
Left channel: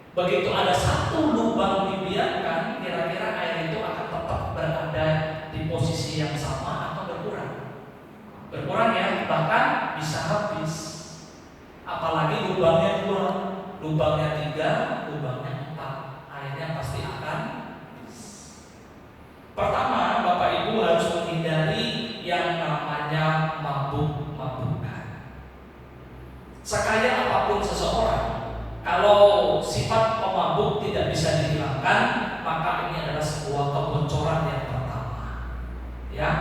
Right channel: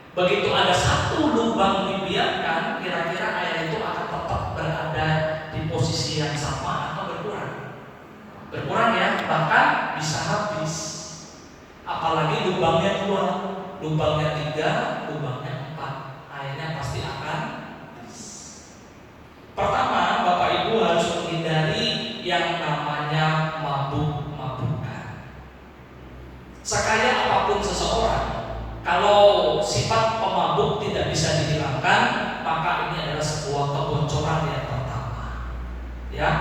Begitu ada satu lubang dibiarkan, kira-kira air itu akan tetap berada di posisi yang sama atau berkurang? Berkurang ya, bahkan bisa habis. Apalagi lubangnya 2, lubangnya 3, lubangnya 4, airnya pasti akan habis. Pertama, Bapak Ibu harus menghindari yang namanya mabuk-mabukan. Sekaya apapun seseorang, kalau sifat pemabuk tidak bisa dihilangkan, maka ini adalah sebuah kebocoran yang pertama. Ya,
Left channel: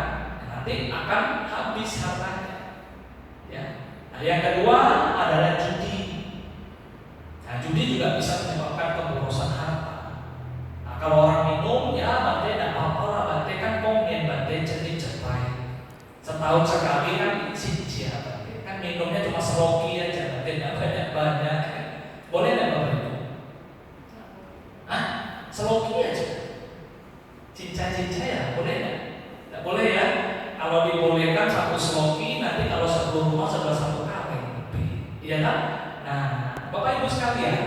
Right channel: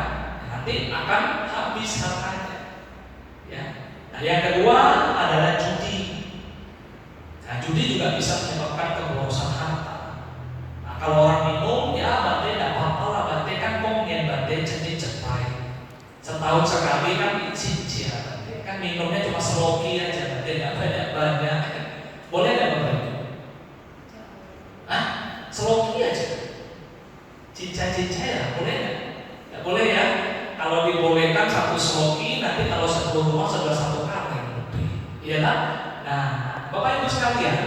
nanti akan habis hartanya. Ya. Nah, yang kedua adalah judi. Nah, judi juga bisa menyebabkan keborosan harta. Nah, kalau orang minum, ya Bante tidak apa-apa lah, Bante kan pengen Bante cepat-cepat. Setahun sekali kan cici ya Bante. Kan minumnya cuma seloki aja, Bante tidak banyak-banyak. Boleh nggak Bapak Ibu? Hah? Seloki aja. Cincai-cincai ya, boleh nggak? Nggak boleh ya. Kalau dibolehkan 1 seloki, nanti kalau 10 rumah sudah 1 kaleng lebih. Iya kan? Nah, Bapak Ibu sekalian,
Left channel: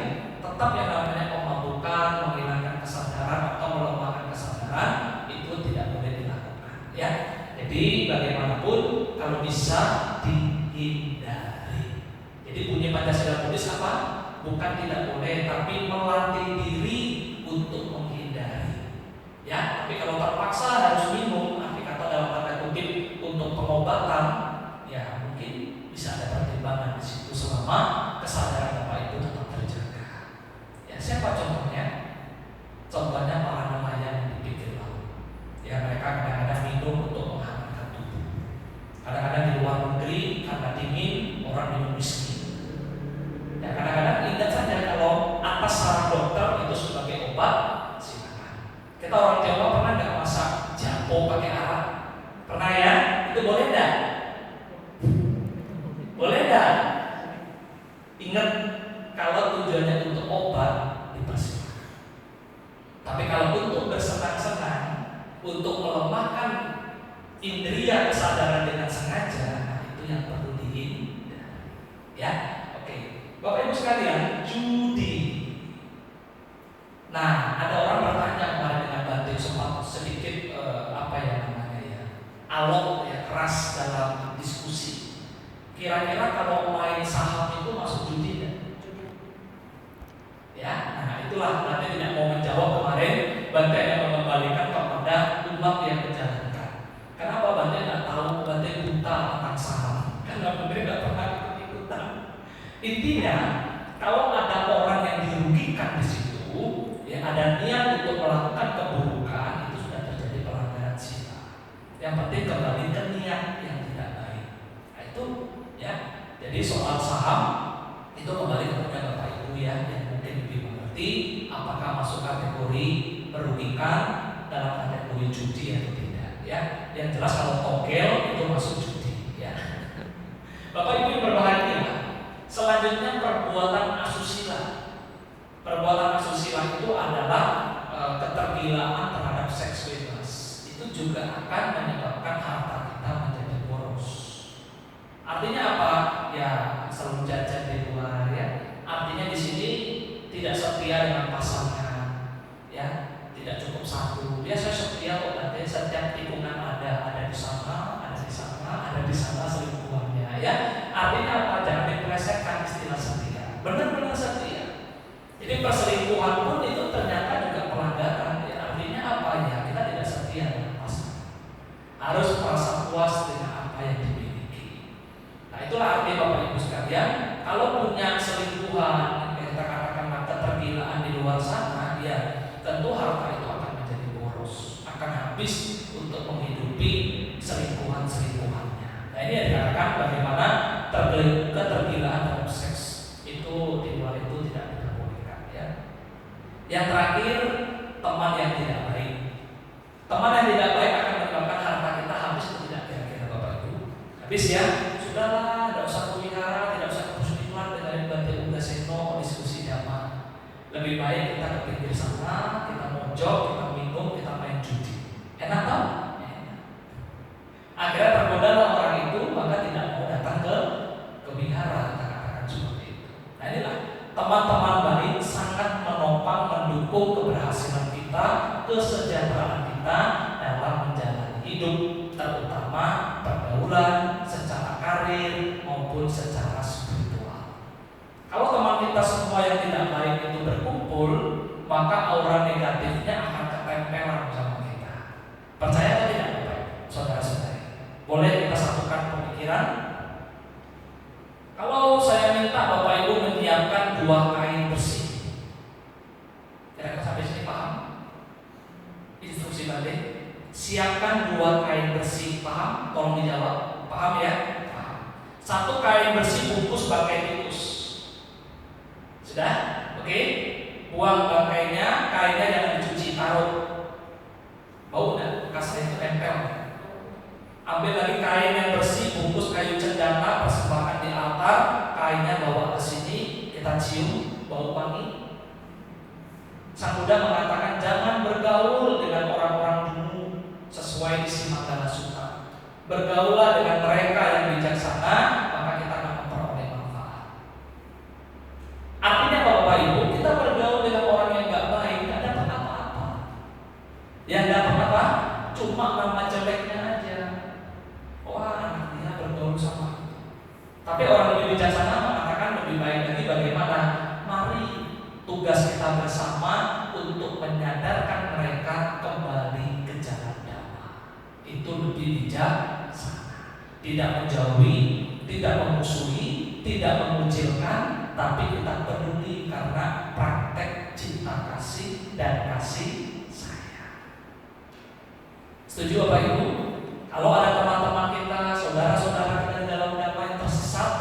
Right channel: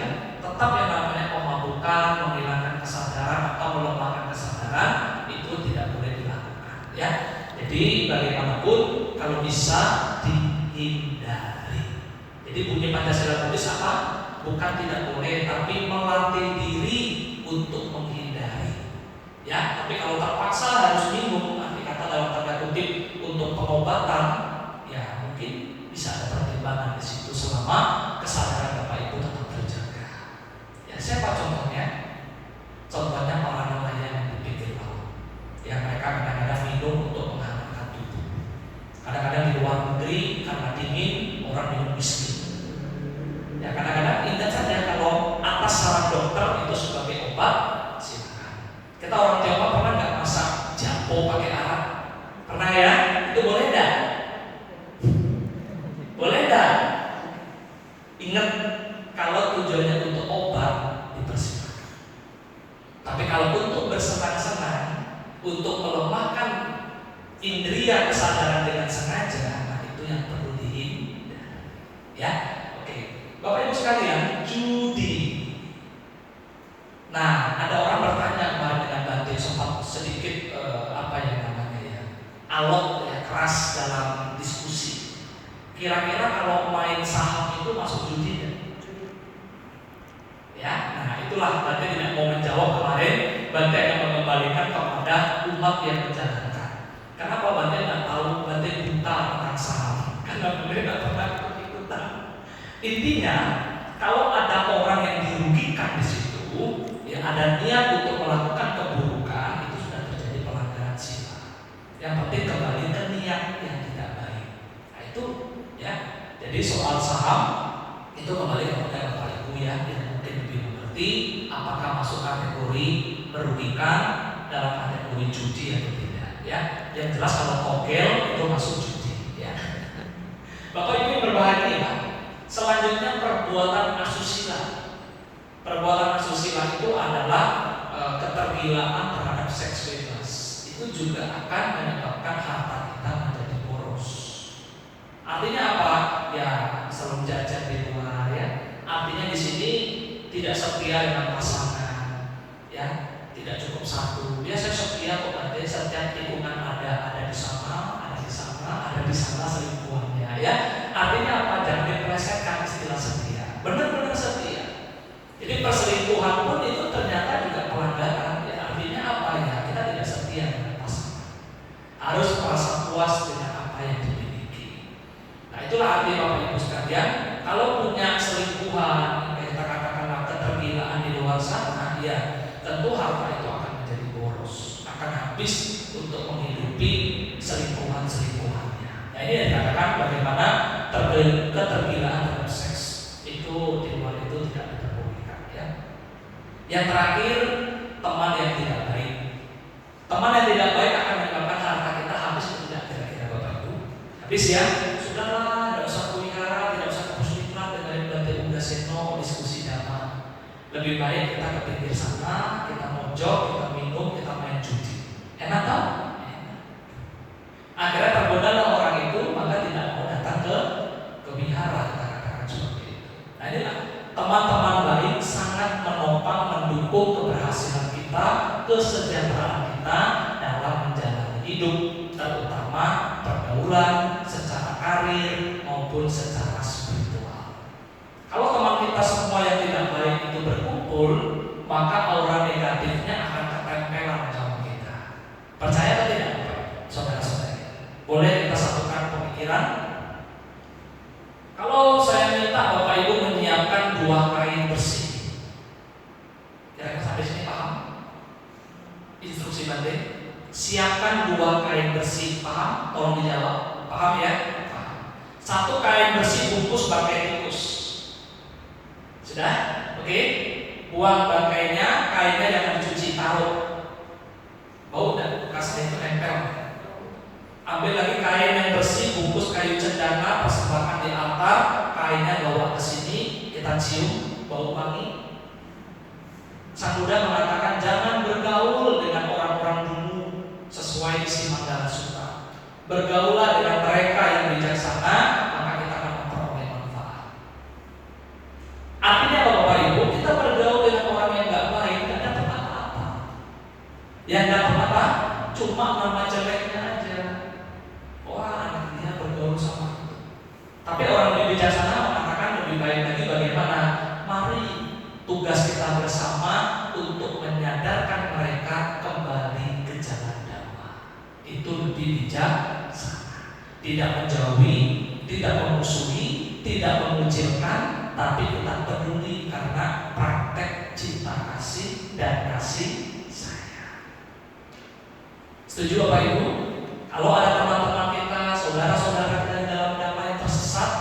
tetap yang namanya pemabukan, menghilangkan kesadaran atau melemahkan kesadaran itu tidak boleh dilakukan. Ya. Jadi bagaimanapun kalau bisa dihindari. Jadi bunyi Pancasila Buddhis apa? Bukan tidak boleh, tapi melatih diri untuk menghindari. Ya, tapi kalau terpaksa harus minum, arti kata dalam tanda kutip untuk pengobatan, ya mungkin bisa ada pertimbangan di situ selama kesadaran Bapak Ibu tetap terjaga. Ya, siapa contohnya? Contohnya para nelayan di pinggir laut. Ya, mereka kadang-kadang minum untuk menghangatkan tubuh. Kadang-kadang di luar negeri karena dingin orang minum whisky. Ya kadang-kadang ingat saja kalau atas saran dokter itu sebagai obat, silakan. Kita orang Tionghoa pernah nggak masak jampo pakai arak? Pernah ya? Itu boleh nggak? Boleh nggak? Ingat kalau tujuannya untuk obat dipersilakan. Tapi kalau untuk bersenang-senang, untuk melemahkan indria kesadaran dengan sengaja, nah itu yang perlu dihindari. Ya. Bapak Ibu sekalian, judi. Nah, ada orang bertanya kemarin dengan Bante sempat sedikit apa yang namanya ya, alot ya, keras dalam diskusi. Kira-kira kalau main saham itu masuk judi ya? Ya, nah itulah Bante tidak mau menjawab kemarin. Bante akan mengembalikan kepada umat yang menjalankan. Kenapa Bante nggak tahu? Bante buta tentang saham. Karena Bante nggak pernah ikutan. Intinya, kalau ada orang yang dirugikan di situ, ya ada niat untuk melakukan keburukan, itu sudah terjadi pelanggaran sila. Yang penting kembali ke niat yang tidak baik. Nah itu, ya. Jadi soal saham itu kembali kepada Bapak Ibu ya, yang mungkin lebih mengerti apakah masuk kategori merugikan dalam kategori judi atau tidak. Ya, yang jelas kalau togel itu masuk judi. Ya. Bapak Ibu yang berbahagia. Selanjutnya perbuatan asusila. Perbuatan asusila itu adalah ketergilaan terhadap seks bebas. Itu juga akan menyebabkan harta kita menjadi boros. Artinya apa? Ya selalu jajan di luar ya. Artinya di sini tidak setia dengan pasangan, ya tidak cukup satu. Dia saya setia kok, nanti setiap tikungan ada di sana, ada di sana selingkuhannya, ya. Artinya apa? Jangan dipelesetkan istilah setia. Benar-benar setia. Jadi perselingkuhan pun itu ternyata juga pelanggaran. Ya, artinya apa ya? Kita tidak setia dengan pasangan. Harus merasa puas dengan apa yang dimiliki. Nah itulah arti Bapak Ibu sekalian. Kalau punya selingkuhan, kita katakanlah ketergilaan di luar sana, ya tentu harta itu akan menjadi boros, akan habis untuk menghidupi selingkuhannya. Nah ini yang dikatakan bagaimana ketergilaan dalam seks itu di luar itu tidak diperbolehkan, ya. Yang terakhir, teman yang tidak baik. Teman yang tidak baik akan menyebabkan harta kita habis atau tidak, kira-kira Bapak Ibu? Habis ya, sudahlah, tidak usah pelihara, tidak usah muslimat dengan batik udah seno diskusi damai. Lebih baik kita ke pinggir sana, kita mojok, kita minum, kita main judi. Enak tak? Enak. Akhirnya tergodalah orang itu, maka tidak mau datang ke wihara, katakan seperti itu. Nah inilah teman-teman baik sangat menopang, mendukung keberhasilan kita, kesejahteraan kita dalam menjalani hidup, terutama pergaulan secara karir maupun secara spiritual. Kalau teman kita semua yang tidak baik itu berkumpul, maka aura negatifnya akan ketempelan sama kita. Percaya atau tidak, saudara-saudara? Boleh kita satukan pemikiran? Kalau saya minta Bapak Ibu menyiapkan 2 kain bersih, kira-kira sampai sini paham? Instruksi Bante, siapkan 2 kain bersih, paham? Tolong dijawab, paham ya? Paham. 1 kain bersih bungkus bangkai tikus. Sudah? Oke? Buang bangkainya, kainnya jangan dicuci, taruh. Bau dan bekasnya itu tempel. Ambil lagi kain yang bersih, bungkus kayu cendana, persembahkan di altar, kainnya bawa ke sini, kita cium, bau wangi. Sang Buddha mengatakan jangan bergaul dengan orang-orang dulu sesuai isi Manggala Sutta. Bergaulah dengan mereka yang bijaksana, maka kita akan memperoleh manfaat. Artinya Bapak Ibu, kita bergaul dengan orang yang nggak baik, nggak dapat apa-apa. Yang dapat apa? Cuma nama jeleknya aja. Wah, anak dia bergaul sama itu. Tapi orang lebih bijaksana mengatakan lebih baik lagi bagaimana? Mari tugas kita bersama untuk menyadarkan mereka kembali ke jalan Dhamma. Itu lebih bijaksana. Tidak menjauhi, tidak memusuhi, tidak mengucilkan, tapi kita peduli karena praktek cinta kasih dan kasih sayang. Setuju Bapak Ibu? Kalau ada teman-teman kita, saudara-saudara kita di dalam Dhamma yang tersesat,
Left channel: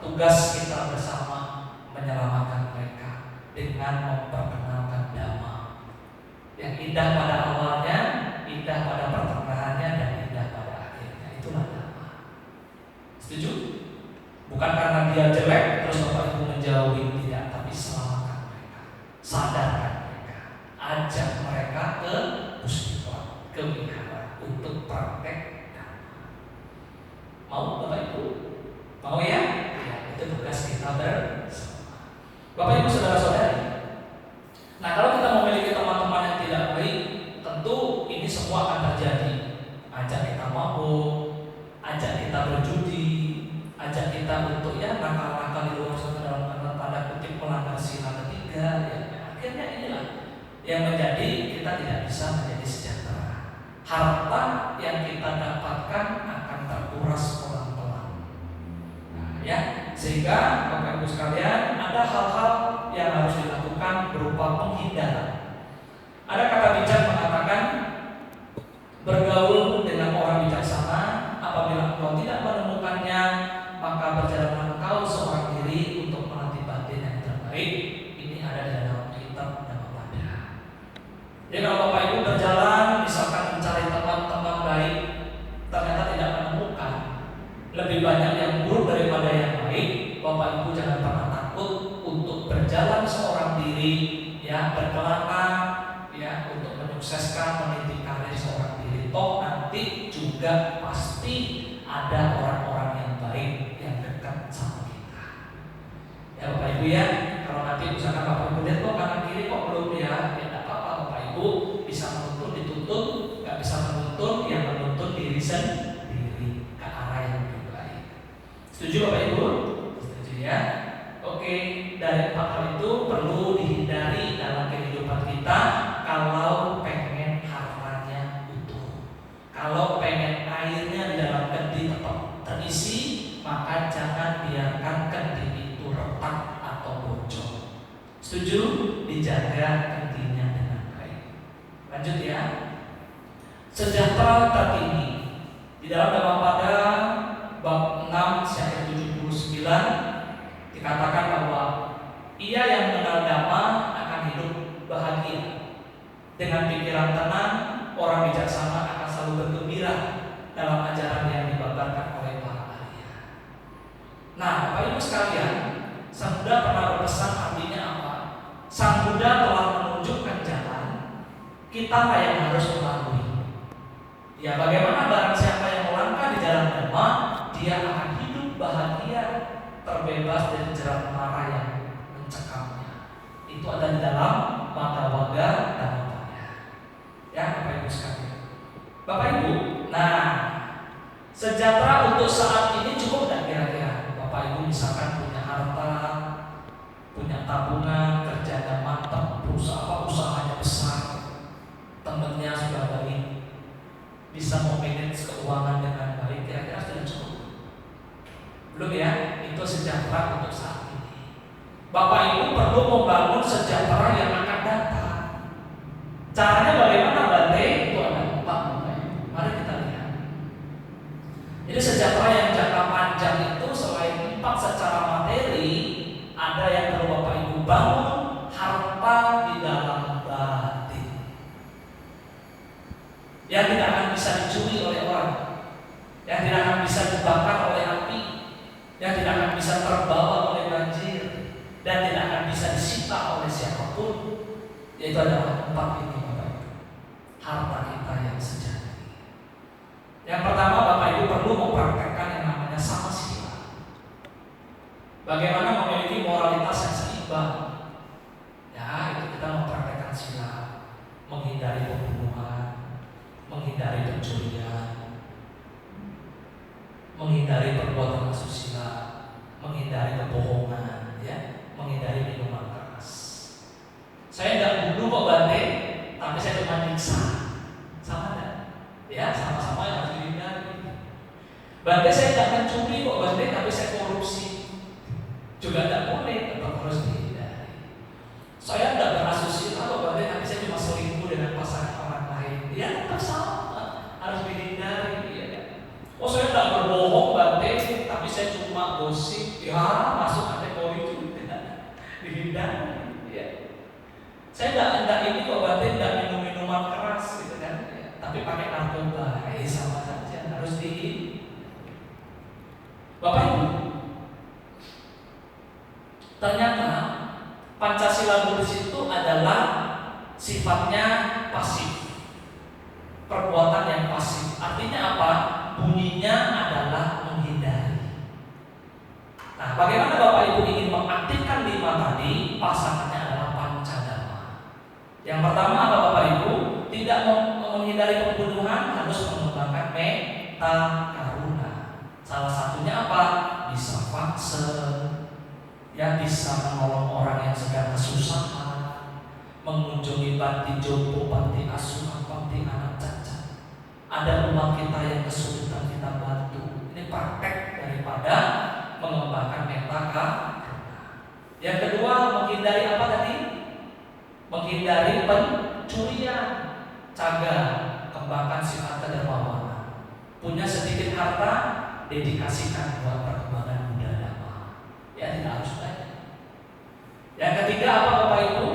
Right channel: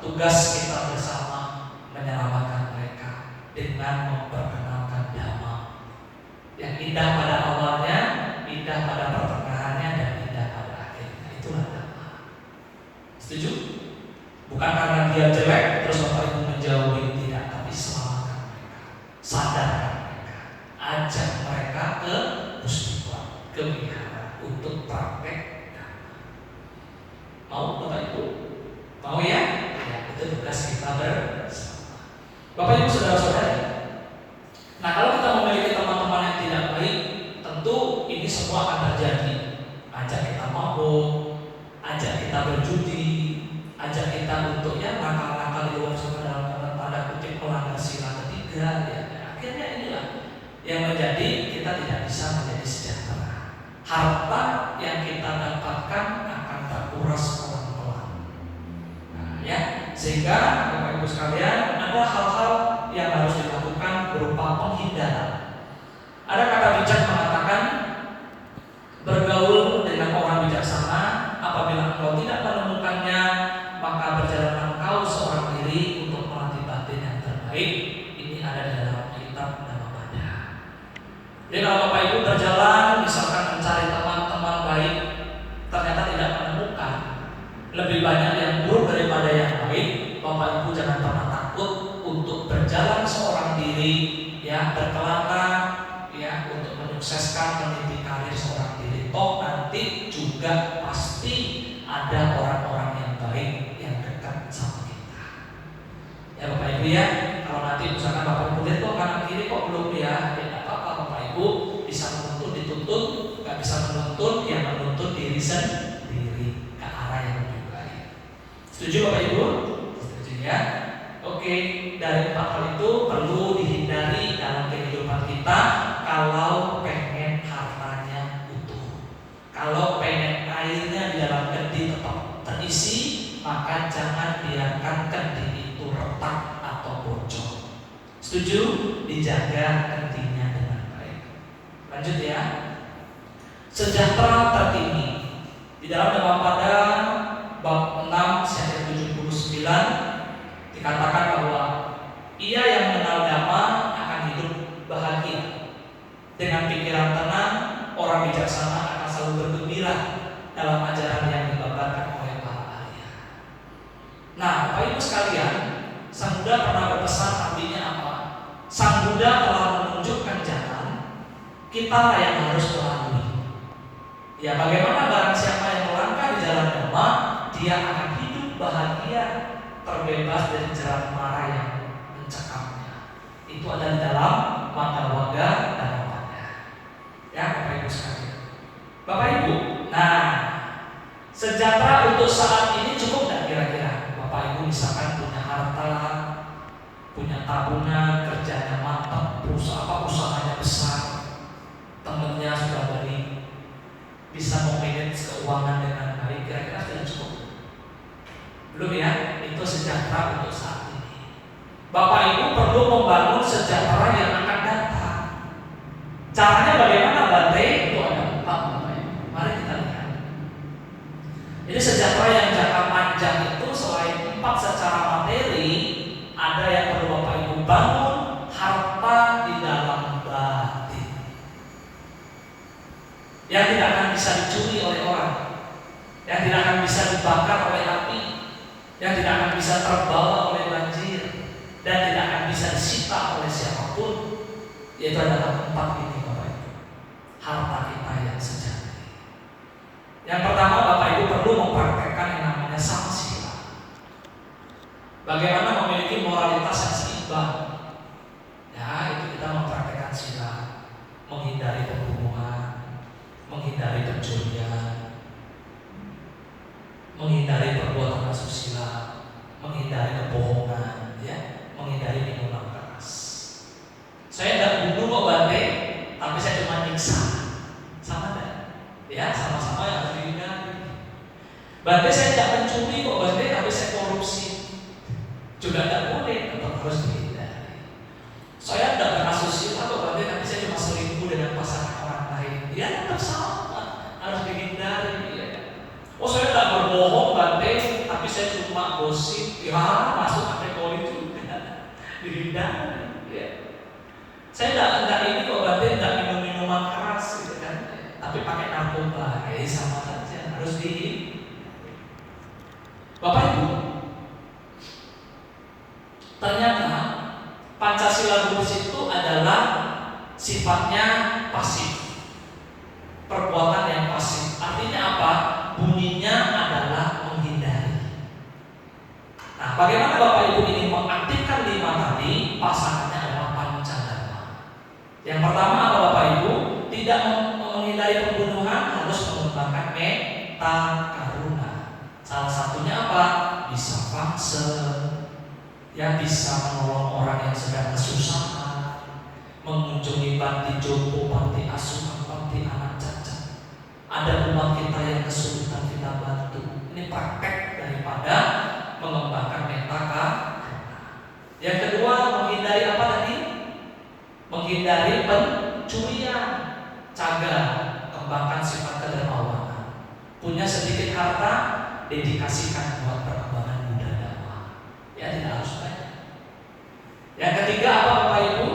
tugas kita bersama menyelamatkan mereka dengan memperkenalkan Dhamma yang indah pada awalnya, indah pada pertengahannya, dan indah pada akhirnya. Itulah Dhamma. Setuju? Bukan karena dia jelek terus Bapak Ibu menjauhi, tidak, tapi selamatkan mereka, sadarkan mereka, ajak mereka ke Pustupa, ke wihara untuk praktek. Mau Bapak Ibu? Mau ya? Ya, itu tugas kita bersama. Bapak Ibu saudara-saudari. Nah kalau kita memiliki teman-teman yang tidak baik, tentu ini semua akan terjadi. Ajak kita mabuk, ajak kita berjudi, ajak kita untuk ya nakal-nakal di luar sana dalam tanda kutip melanggar sila ketiga. Ya. Akhirnya inilah yang menjadi kita tidak bisa menjadi sejahtera. Harta yang kita dapatkan akan terkuras pelan-pelan. Nah, ya, sehingga Bapak Ibu sekalian ada hal-hal yang harus dilakukan berupa penghindaran. Ada kata bijak mengatakan bergaul dengan orang bijaksana, apabila engkau tidak menemukannya, maka berjalanlah engkau seorang diri untuk melatih batin yang terbaik. Ini ada di dalam kitab Dhammapada. Jadi kalau Bapak Ibu berjalan, misalkan mencari teman-teman baik, ternyata tidak menemukan, lebih banyak yang buruk daripada yang baik, Bapak Ibu jangan pernah takut untuk berjalan seorang diri, ya berkelana, ya untuk menyukseskan meniti karir seorang diri. Toh nanti juga pasti ada orang-orang yang baik yang dekat sama kita. Ya Bapak Ibu ya, kalau nanti misalkan Bapak Ibu lihat kok kanan kiri kok belum ya tidak apa-apa Bapak Ibu bisa menuntut dituntut, nggak bisa menuntut yang menuntut diri sendiri ke arah yang lebih baik. Setuju Bapak Ibu? Setuju ya? Oke, dari 4 hal itu perlu dihindari dalam kehidupan kita kalau pengen hartanya utuh. Kalau pengen airnya di dalam kendi tetap terisi, maka jangan biarkan kendi itu retak atau bocor. Setuju? Dijaga kendinya dengan baik. Lanjut ya. Sejahtera tertinggi. Di dalam Demam pada bab 6 ayat 79 dikatakan bahwa ia yang mengenal damai akan hidup bahagia. Dengan pikiran tenang, orang bijaksana akan selalu bergembira dalam ajaran yang dibabarkan oleh para ahli. Nah, Bapak Ibu sekalian, Sang Buddha pernah berpesan, artinya apa? Sang Buddha telah menunjukkan jalan, kita yang harus melalui. Ya, bagaimana barang siapa yang melangkah di jalan Dhamma, dia akan hidup bahagia, terbebas dari jerat mara yang mencekamnya. Itu ada di dalam Magga Dhammapada. Ya, Bapak Ibu sekalian. Bapak Ibu, nah, sejahtera untuk saat ini cukup tidak kira-kira? Bapak Ibu misalkan punya harta, punya tabungan, kerjanya mantap, usahanya besar, temennya sudah baik, bisa memanage keuangan dengan baik, kira-kira sudah cukup? Belum ya, itu sejahtera untuk saat ini. Bapak Ibu perlu membangun sejahtera yang akan datang. Caranya bagaimana Bante? Itu ada 4 Bapak Ibu. Mari kita lihat. Jadi sejahtera yang jangka panjang itu selain 4 secara materi, ada yang perlu Bapak Ibu bangun, harta di dalam batin. Yang tidak akan bisa dicuri oleh orang, yang tidak akan bisa dibakar oleh api, yang tidak akan bisa terbawa oleh banjir, dan tidak akan bisa disita oleh siapapun. Yaitu adalah 4 ini Bapak Ibu, harta kita yang sejati. Yang pertama Bapak Ibu perlu mempraktekkan yang namanya samasila. Bagaimana memiliki moralitas yang seimbang. Ya, itu kita mempraktekkan sila, menghindari pembunuhan, menghindari pencurian, menghindari perbuatan asusila, menghindari kebohongan, ya, menghindari minuman keras. Saya tidak bunuh kok Bante, tapi saya cuma nyiksa. Sama enggak? Ya, sama-sama yang harus dihindari. Bante saya tidak mencuri kok Bante, tapi saya korupsi. Juga tidak boleh, tetap harus dihindari. Saya tidak berasusila kok Bante, tapi saya cuma selingkuh dengan pasangan orang lain. Ya, tetap sama, harus dihindari. Ya. Oh, saya tidak berbohong Bante, tapi saya cuma gosip. Ya, masuk kategori juga. Dihindari. Ya. Saya tidak ini kok Bante, tidak minum minuman keras gitu kan. Tapi pakai narkoba, sama saja, harus dihindari. Bapak Ibu, ternyata Pancasila Buddhis itu adalah sifatnya pasif, perbuatan yang pasif. Artinya apa? Bunyinya adalah menghindari. Nah, bagaimana Bapak Ibu ingin mengaktifkan 5 tadi? Pasangannya adalah pancadharma. Yang pertama apa Bapak Ibu? Tidak menghindari pembunuhan, harus mengembangkan metta karuna. Salah satunya apa? Bisa vaksin, yang bisa menolong orang yang sedang kesusahan, mengunjungi panti jompo, panti asuhan, panti anak cacat. Ada umat kita yang kesulitan, kita bantu. Ini praktek daripada mengembangkan metta karuna. Yang kedua, menghindari apa tadi? Menghindari pencurian. Caga, kembangkan sifat kedermawanan. Punya sedikit harta, dedikasikan buat perkembangan budaya. Ya, tidak harus banyak. Yang ketiga apa Bapak Ibu?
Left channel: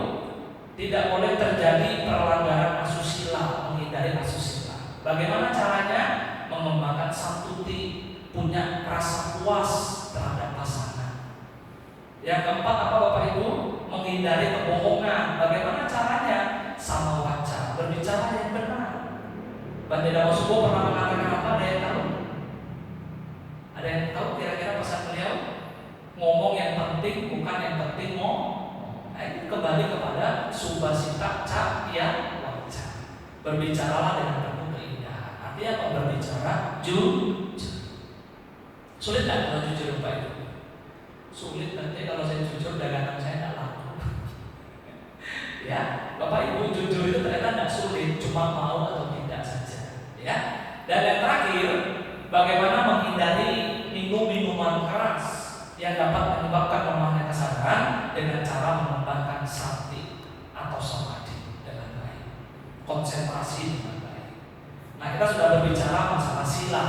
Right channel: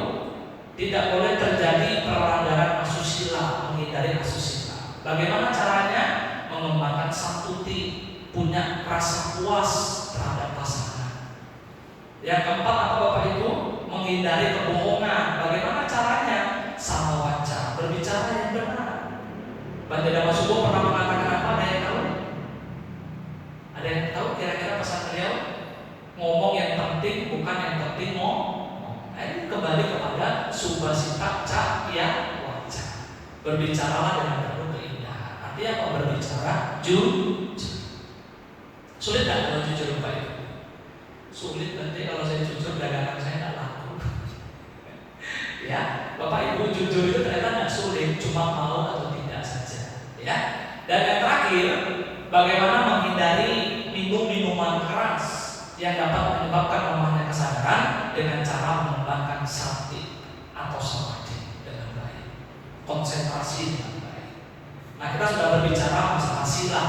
Tidak boleh terjadi pelanggaran asusila, menghindari asusila. Bagaimana caranya? Mengembangkan samputi, punya rasa puas terhadap pasangan. Yang keempat apa Bapak Ibu? Menghindari kebohongan. Bagaimana caranya? Sama waca, berbicara yang benar. Bante Dhamma Sumbo pernah bukan yang penting mau. Nah, ini kembali kepada subasita cahya wajah. Berbicaralah dengan penuh keindahan. Artinya apa berbicara jujur. Sulit nggak kalau jujur Pak Ibu? Sulit, nanti kalau saya jujur dagangan saya nggak laku. Ya, Bapak Ibu jujur itu ternyata nggak sulit, cuma mau atau tidak saja. Ya. Dan yang terakhir, bagaimana menghindari minum minuman keras yang dapat menyebabkan lemahnya kesadaran dengan cara mengembangkan sati atau samadhi dengan baik, konsentrasi dengan baik. Nah, kita sudah berbicara masalah sila.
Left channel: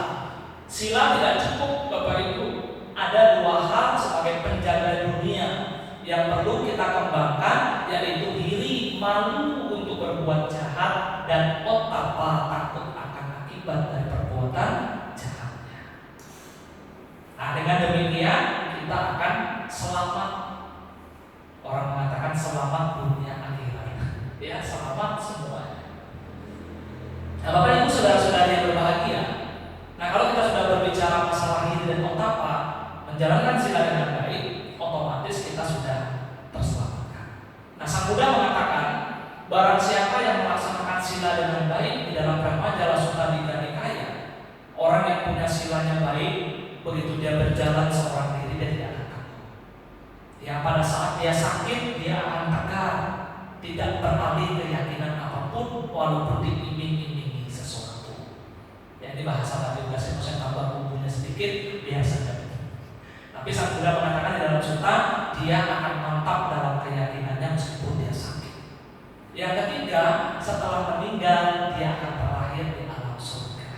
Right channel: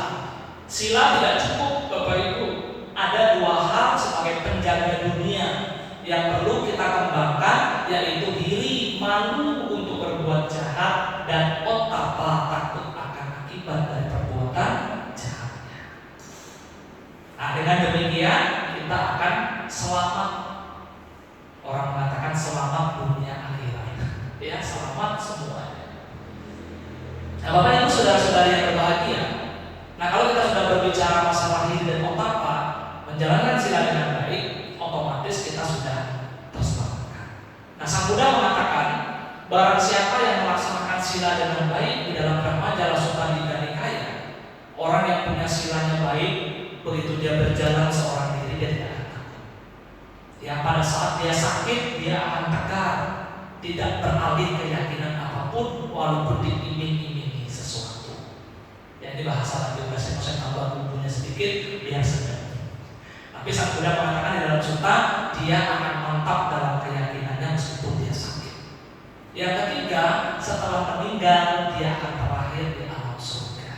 Sila tidak cukup Bapak Ibu. Ada dua hal sebagai penjaga dunia yang perlu kita kembangkan, yaitu iri, malu untuk berbuat jahat, dan otapa, takut akan akibat dari perbuatan jahatnya. Nah, dengan demikian kita akan selamat. Orang mengatakan selamat dunia akhirat. Ya, selamat semuanya. Nah, Bapak Ibu saudara-saudari yang berbahagia. Nah, kalau kita sudah berbicara masalah iri dan otapa, menjalankan sila dengan baik, otomatis kita sudah terselamatkan. Nah, Sang Buddha mengatakan, barang siapa yang melaksanakan sila dengan baik di dalam Brahma Jala Sutta Nikaya, orang yang punya silanya baik, begitu dia berjalan seorang diri dia tidak akan takut. Ya, pada saat dia sakit dia akan tegar, tidak beralih keyakinan apapun walaupun diiming-imingi sesuatu. Ya, ini bahasa lagi saya tambah bumbunya sedikit biar sedap. Tapi Sang Buddha mengatakan di dalam sutta dia akan mantap dalam keyakinannya meskipun dia sakit. Yang ketiga, setelah meninggal dia akan terlahir di alam surga.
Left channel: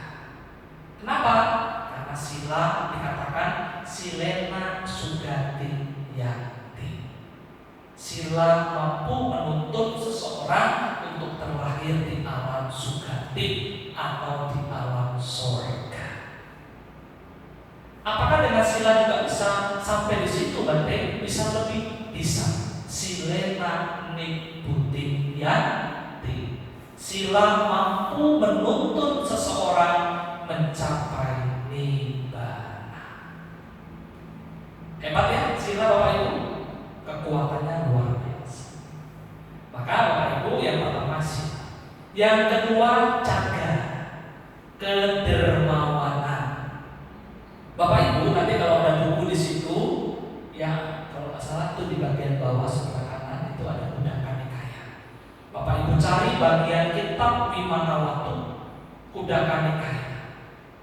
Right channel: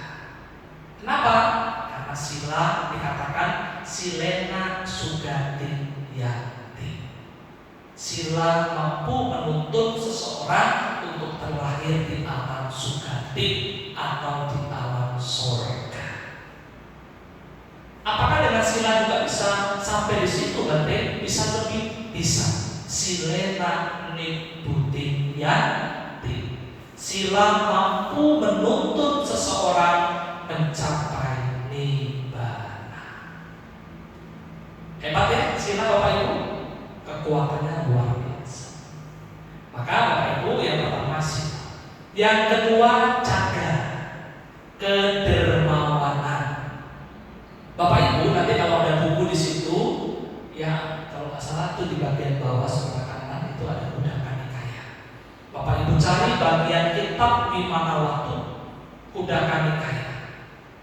Kenapa? Karena sila dikatakan silena sugati yati. Sila mampu menuntun seseorang untuk terlahir di alam sugati atau di alam surga. Apakah dengan sila juga bisa sampai di situ, Bante? Bisa lebih, bisa. Silena nibbudin yati. Sila mampu menuntun seseorang mencapai nibbana. Hebat ya sila Bapak Ibu, kekuatannya luar biasa. Maka Bapak Ibu yang pertama sila, yang kedua caga, kedermawanan. Bapak Ibu nanti kalau ada buku di situ, ya kalau nggak salah itu di bagian bawah sebelah kanan itu ada Kuddaka Nikaya. Bapak Ibu cari bagian kitab Vimanawatu Kuddaka Nikaya.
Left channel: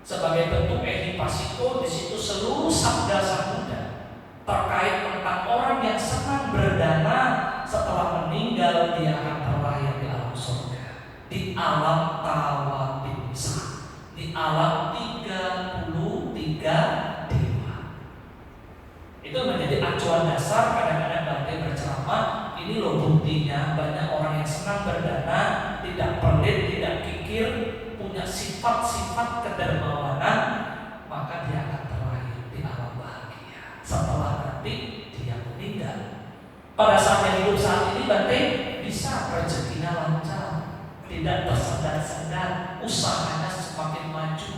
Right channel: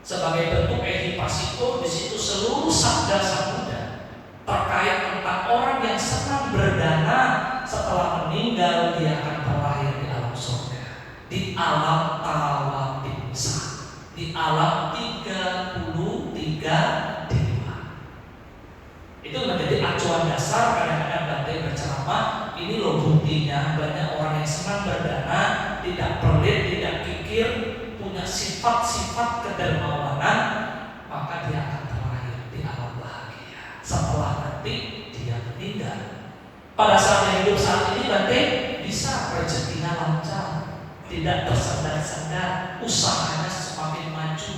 Sebagai bentuk ehipasiko di situ seluruh sabda Sang Buddha terkait tentang orang yang senang berdana setelah meninggal dia akan terlahir di alam surga, di alam tawabimsa, di alam 33 dewa. Itu menjadi acuan dasar kadang-kadang Bante berceramah. Ini loh buktinya banyak orang yang senang berdana, tidak pelit, tidak kikir, punya sifat-sifat kedermawanan, maka dia akan terlahir di alam bahagia setelah nanti dia meninggal. Pada saat yang hidup saat ini Bante bisa rezekinya lancar, tidak tersandar-sandar, usahanya semakin maju.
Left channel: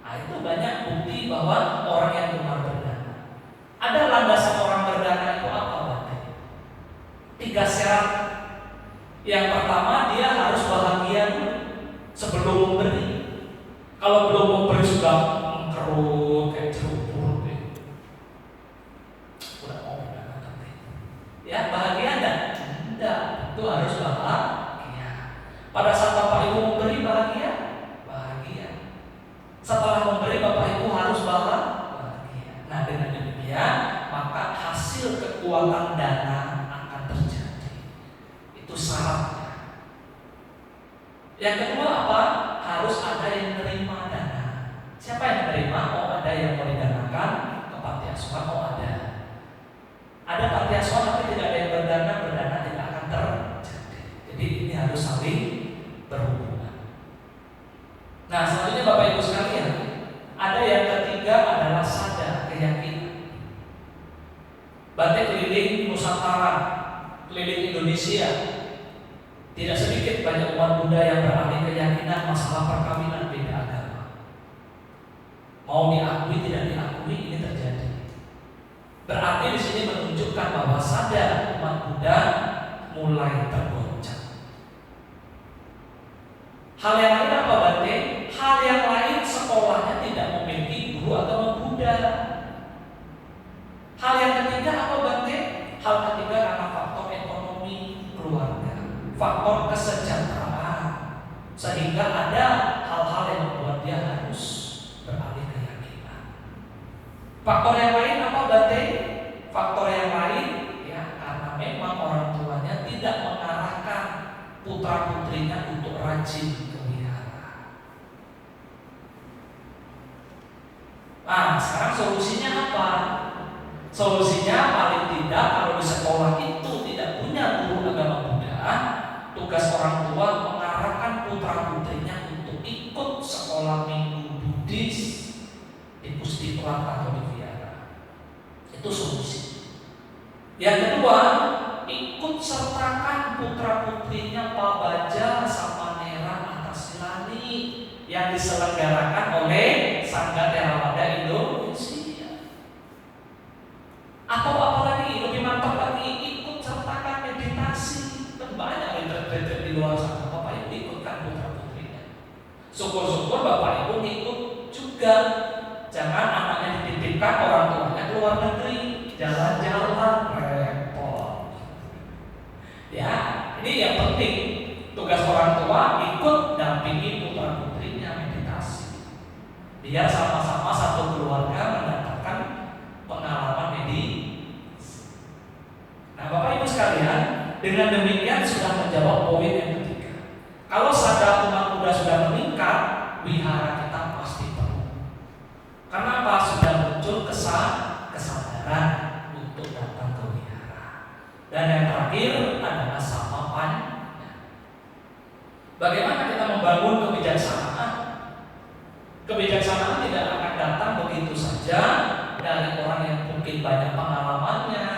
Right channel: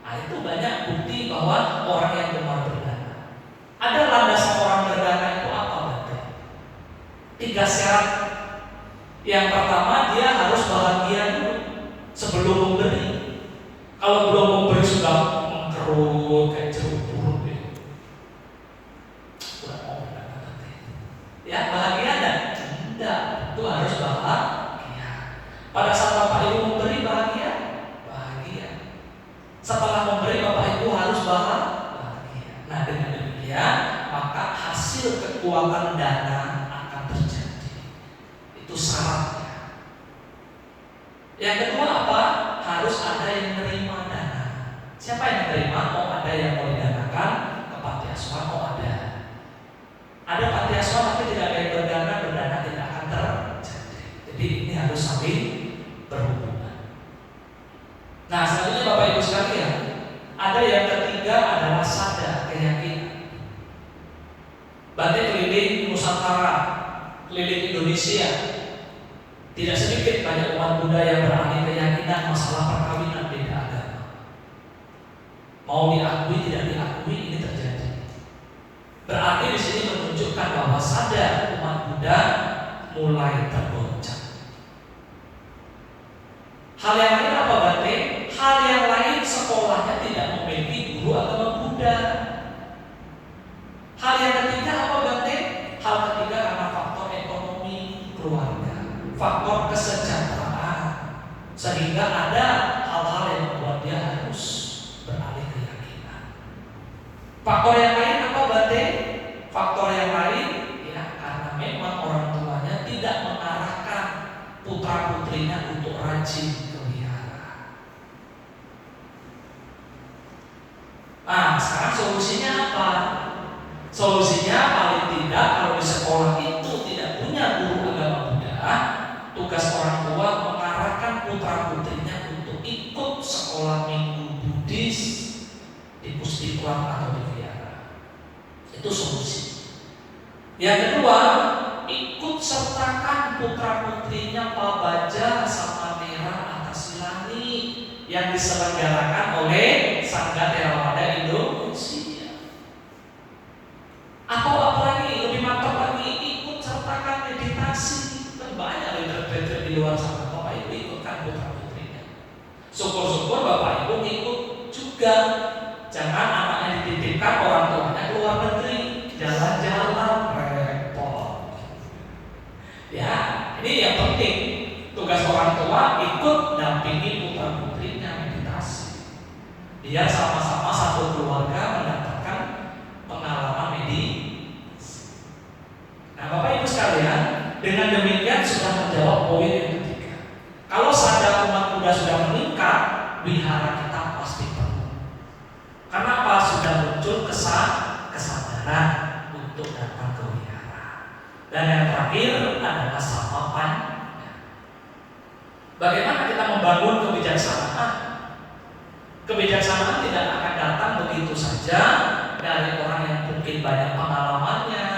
Nah, itu banyak bukti bahwa orang yang gemar berdana. Ada landasan orang berdana itu apa, Bante? 3 syarat. Yang pertama, dia harus bahagia dulu sebelum memberi. Kalau belum memberi sudah mengkerut kayak jeruk purut ya. Udah mau berdana, Bante. Ya, bahagia enggak? Tidak, itu harus bahagia. Pada saat Bapak Ibu memberi bahagia, setelah memberi Bapak Ibu harus bahagia. Nah, dengan demikian maka hasil kekuatan dana akan terjadi. Itu syaratnya. Yang kedua apa? Harus ada yang menerima dana. Siapa yang menerima? Oh, ada yang mau didanakan ke panti asuhan. Oh, ada. Ada panti asuhan tapi tidak ada yang berdana tidak akan terjadi. Jadi ini harus saling berhubungan. Nah, selanjutnya Bapak Ibu sekalian, ada yang ketiga adalah sada, keyakinan. Bante keliling Nusantara, keliling Indonesia, tidak sedikit banyak umat Buddha yang beralih keyakinan masalah perkawinan beda agama. Mau diakui tidak diakui ini terjadi. Berarti di sini menunjukkan mulai tergoncang. Hal yang lain apa berarti? Hal yang lain sekolahnya tidak memiliki guru agama Buddha. Hal yang ketiga apa berarti? Hal ketiga karena faktor ekonomi keluarga, faktor kesejahteraan, sehingga ada hal-hal yang membuat dia harus beralih keyakinan. Faktor yang lain apa berarti? Faktor yang lain ya karena memang orang tuanya tidak mengarahkan putra putrinya untuk rajin ke wihara. Nah, sekarang solusinya apa? Solusinya paling tidak kalau di sekolah itu tidak punya guru agama Buddha, tugas orang tua mengarahkan putra putrinya untuk ikut sekolah minggu Buddhis di Puspituan atau di wihara. Itu solusi. Yang kedua, ikut sertakan putra putrinya Pabaja sama Merah Atas Silani yang diselenggarakan oleh Sangga Theravada Indonesia. Atau apalagi lebih mantap lagi, ikut sertakan meditasi. Dan banyak retret-retret di luar sana. Bapak Ibu ikutkan putra putrinya. Syukur-syukur Bapak Ibu ikut juga. Jangan anaknya dititipkan orang tuanya ke luar negeri, jalan-jalan repot. Ya, ini yang penting. Tugas orang tua ikut dampingi putra putrinya meditasi. Biar sama-sama satu keluarga mendapatkan pengalaman meditasi. Nah, Bapak Ibu sekalian, dengan demikian sudah menjawab poin yang ketiga. Kalau sadar umat Buddha sudah meningkat, wihara kita pasti penuh. Karena apa? Sudah muncul kesadaran untuk datang ke wihara. Dan yang terakhir adalah samapan. Bagaimana kita membangun kebijaksanaan? Kebijaksanaan tidak akan datang begitu saja dari orang yang mungkin banyak pengalamannya,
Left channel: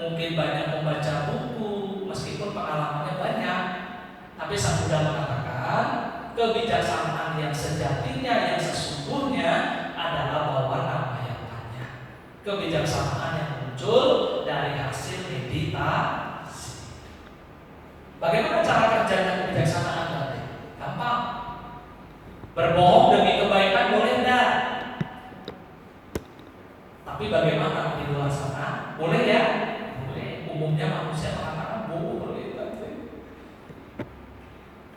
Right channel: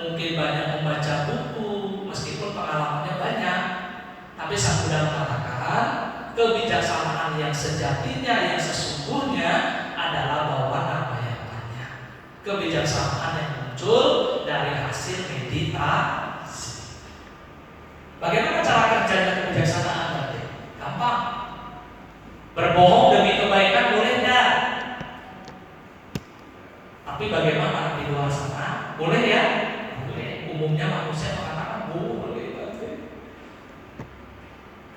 mungkin banyak membaca buku, meskipun pengalamannya banyak. Tapi Sang Buddha mengatakan kebijaksanaan yang sejatinya, yang sesungguhnya adalah bahwa nama yang banyak. Kebijaksanaan yang muncul dari hasil meditasi. Bagaimana cara kerjanya kebijaksanaan tadi? Gampang. Berbohong demi kebaikan boleh enggak? Tapi bagaimana di luar sana? Boleh ya? Boleh. Umumnya manusia mengatakan boleh.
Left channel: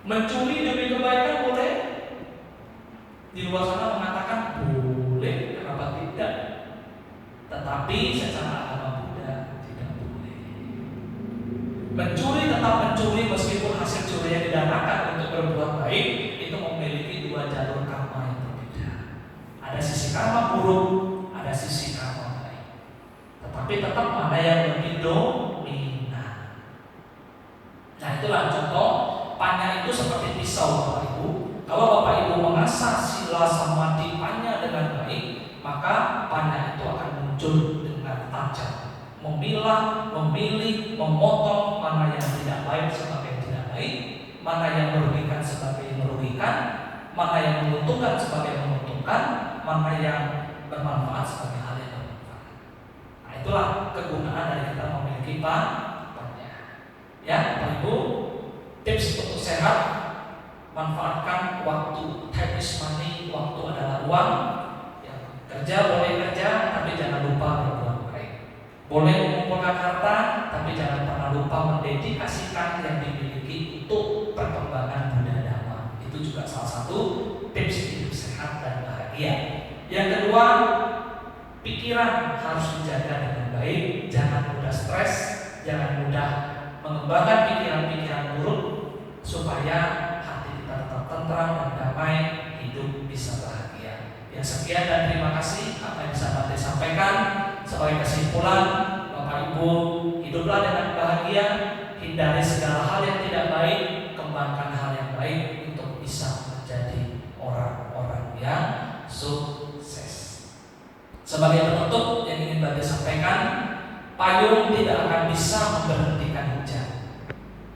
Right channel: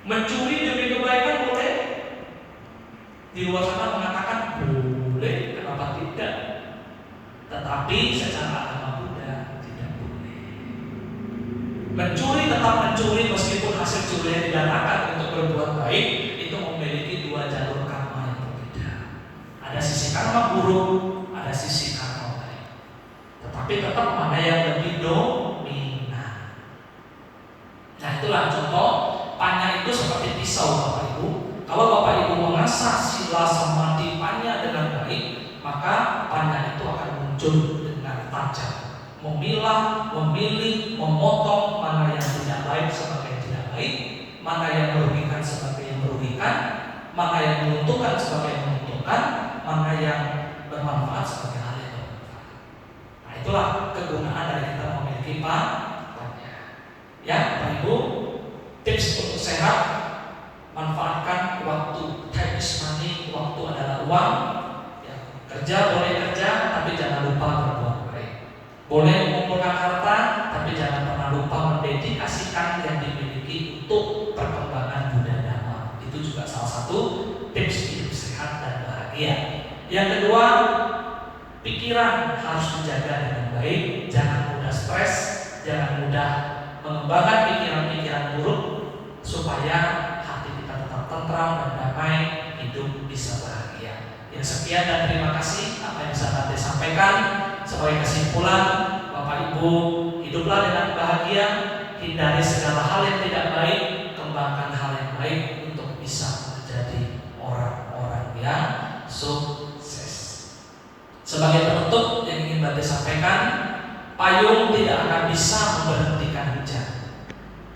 Mencuri demi kebaikan boleh? Di luar sana mengatakan boleh. Kenapa tidak? Tetapi secara agama Buddha tidak boleh. Mencuri tetap mencuri meskipun hasil curinya didanakan untuk berbuat baik, itu memiliki dua jalur karma yang berbeda. Ada sisi karma buruk, ada sisi karma baik. Tetapi tetap mana yang lebih dominan. Nah, itulah contoh. Panya itu seperti pisau Bapak Ibu. Kalau Bapak Ibu mengasah sila samadhi panya dengan baik, maka panya itu akan muncul dengan tajam, memilah, memilih, memotong mana yang tidak baik sebagai yang tidak baik, mana yang merugikan sebagai yang merugikan, mana yang menguntungkan sebagai yang menguntungkan, mana yang bermanfaat sebagai hal yang bermanfaat. Nah, itulah kegunaan dari kita memiliki panya. Ya, Bapak Ibu, tips untuk sehat: manfaatkan waktu. Time is money. Waktu adalah uang. Ya, kerja boleh kerja, tapi jangan lupa berbuat baik. Boleh mengumpulkan harta, tapi jangan pernah lupa mendedikasikan yang dimiliki untuk perkembangan Buddha Dhamma. Itu juga salah satu tips hidup sehat dan bahagia. Yang kedua, pikiran harus dijaga dengan baik. Jangan mudah stres, jangan mudah mengembangkan pikiran-pikiran buruk, supaya hati kita tetap tentram dan damai, hidup bisa bahagia. Ya, sekian dan terima kasih apa yang bisa Tante sampaikan. Sebagai kesimpulan, Bapak Ibu, hiduplah dengan bahagia, hindari segala hal yang tidak baik, kembangkan hal yang baik untuk bisa menjadi orang-orang yang sukses. Sebagai penutup yang ingin Tante sampaikan, payung tidak akan bisa memberhentikan hujan,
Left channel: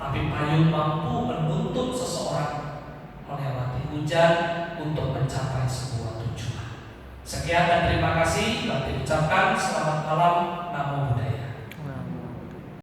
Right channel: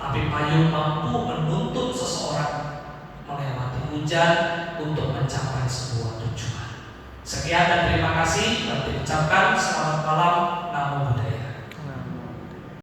tapi payung mampu menuntut seseorang melewati hujan untuk mencapai sebuah tujuan. Sekian dan terima kasih. Berarti ucapkan selamat malam. Namo Buddhaya.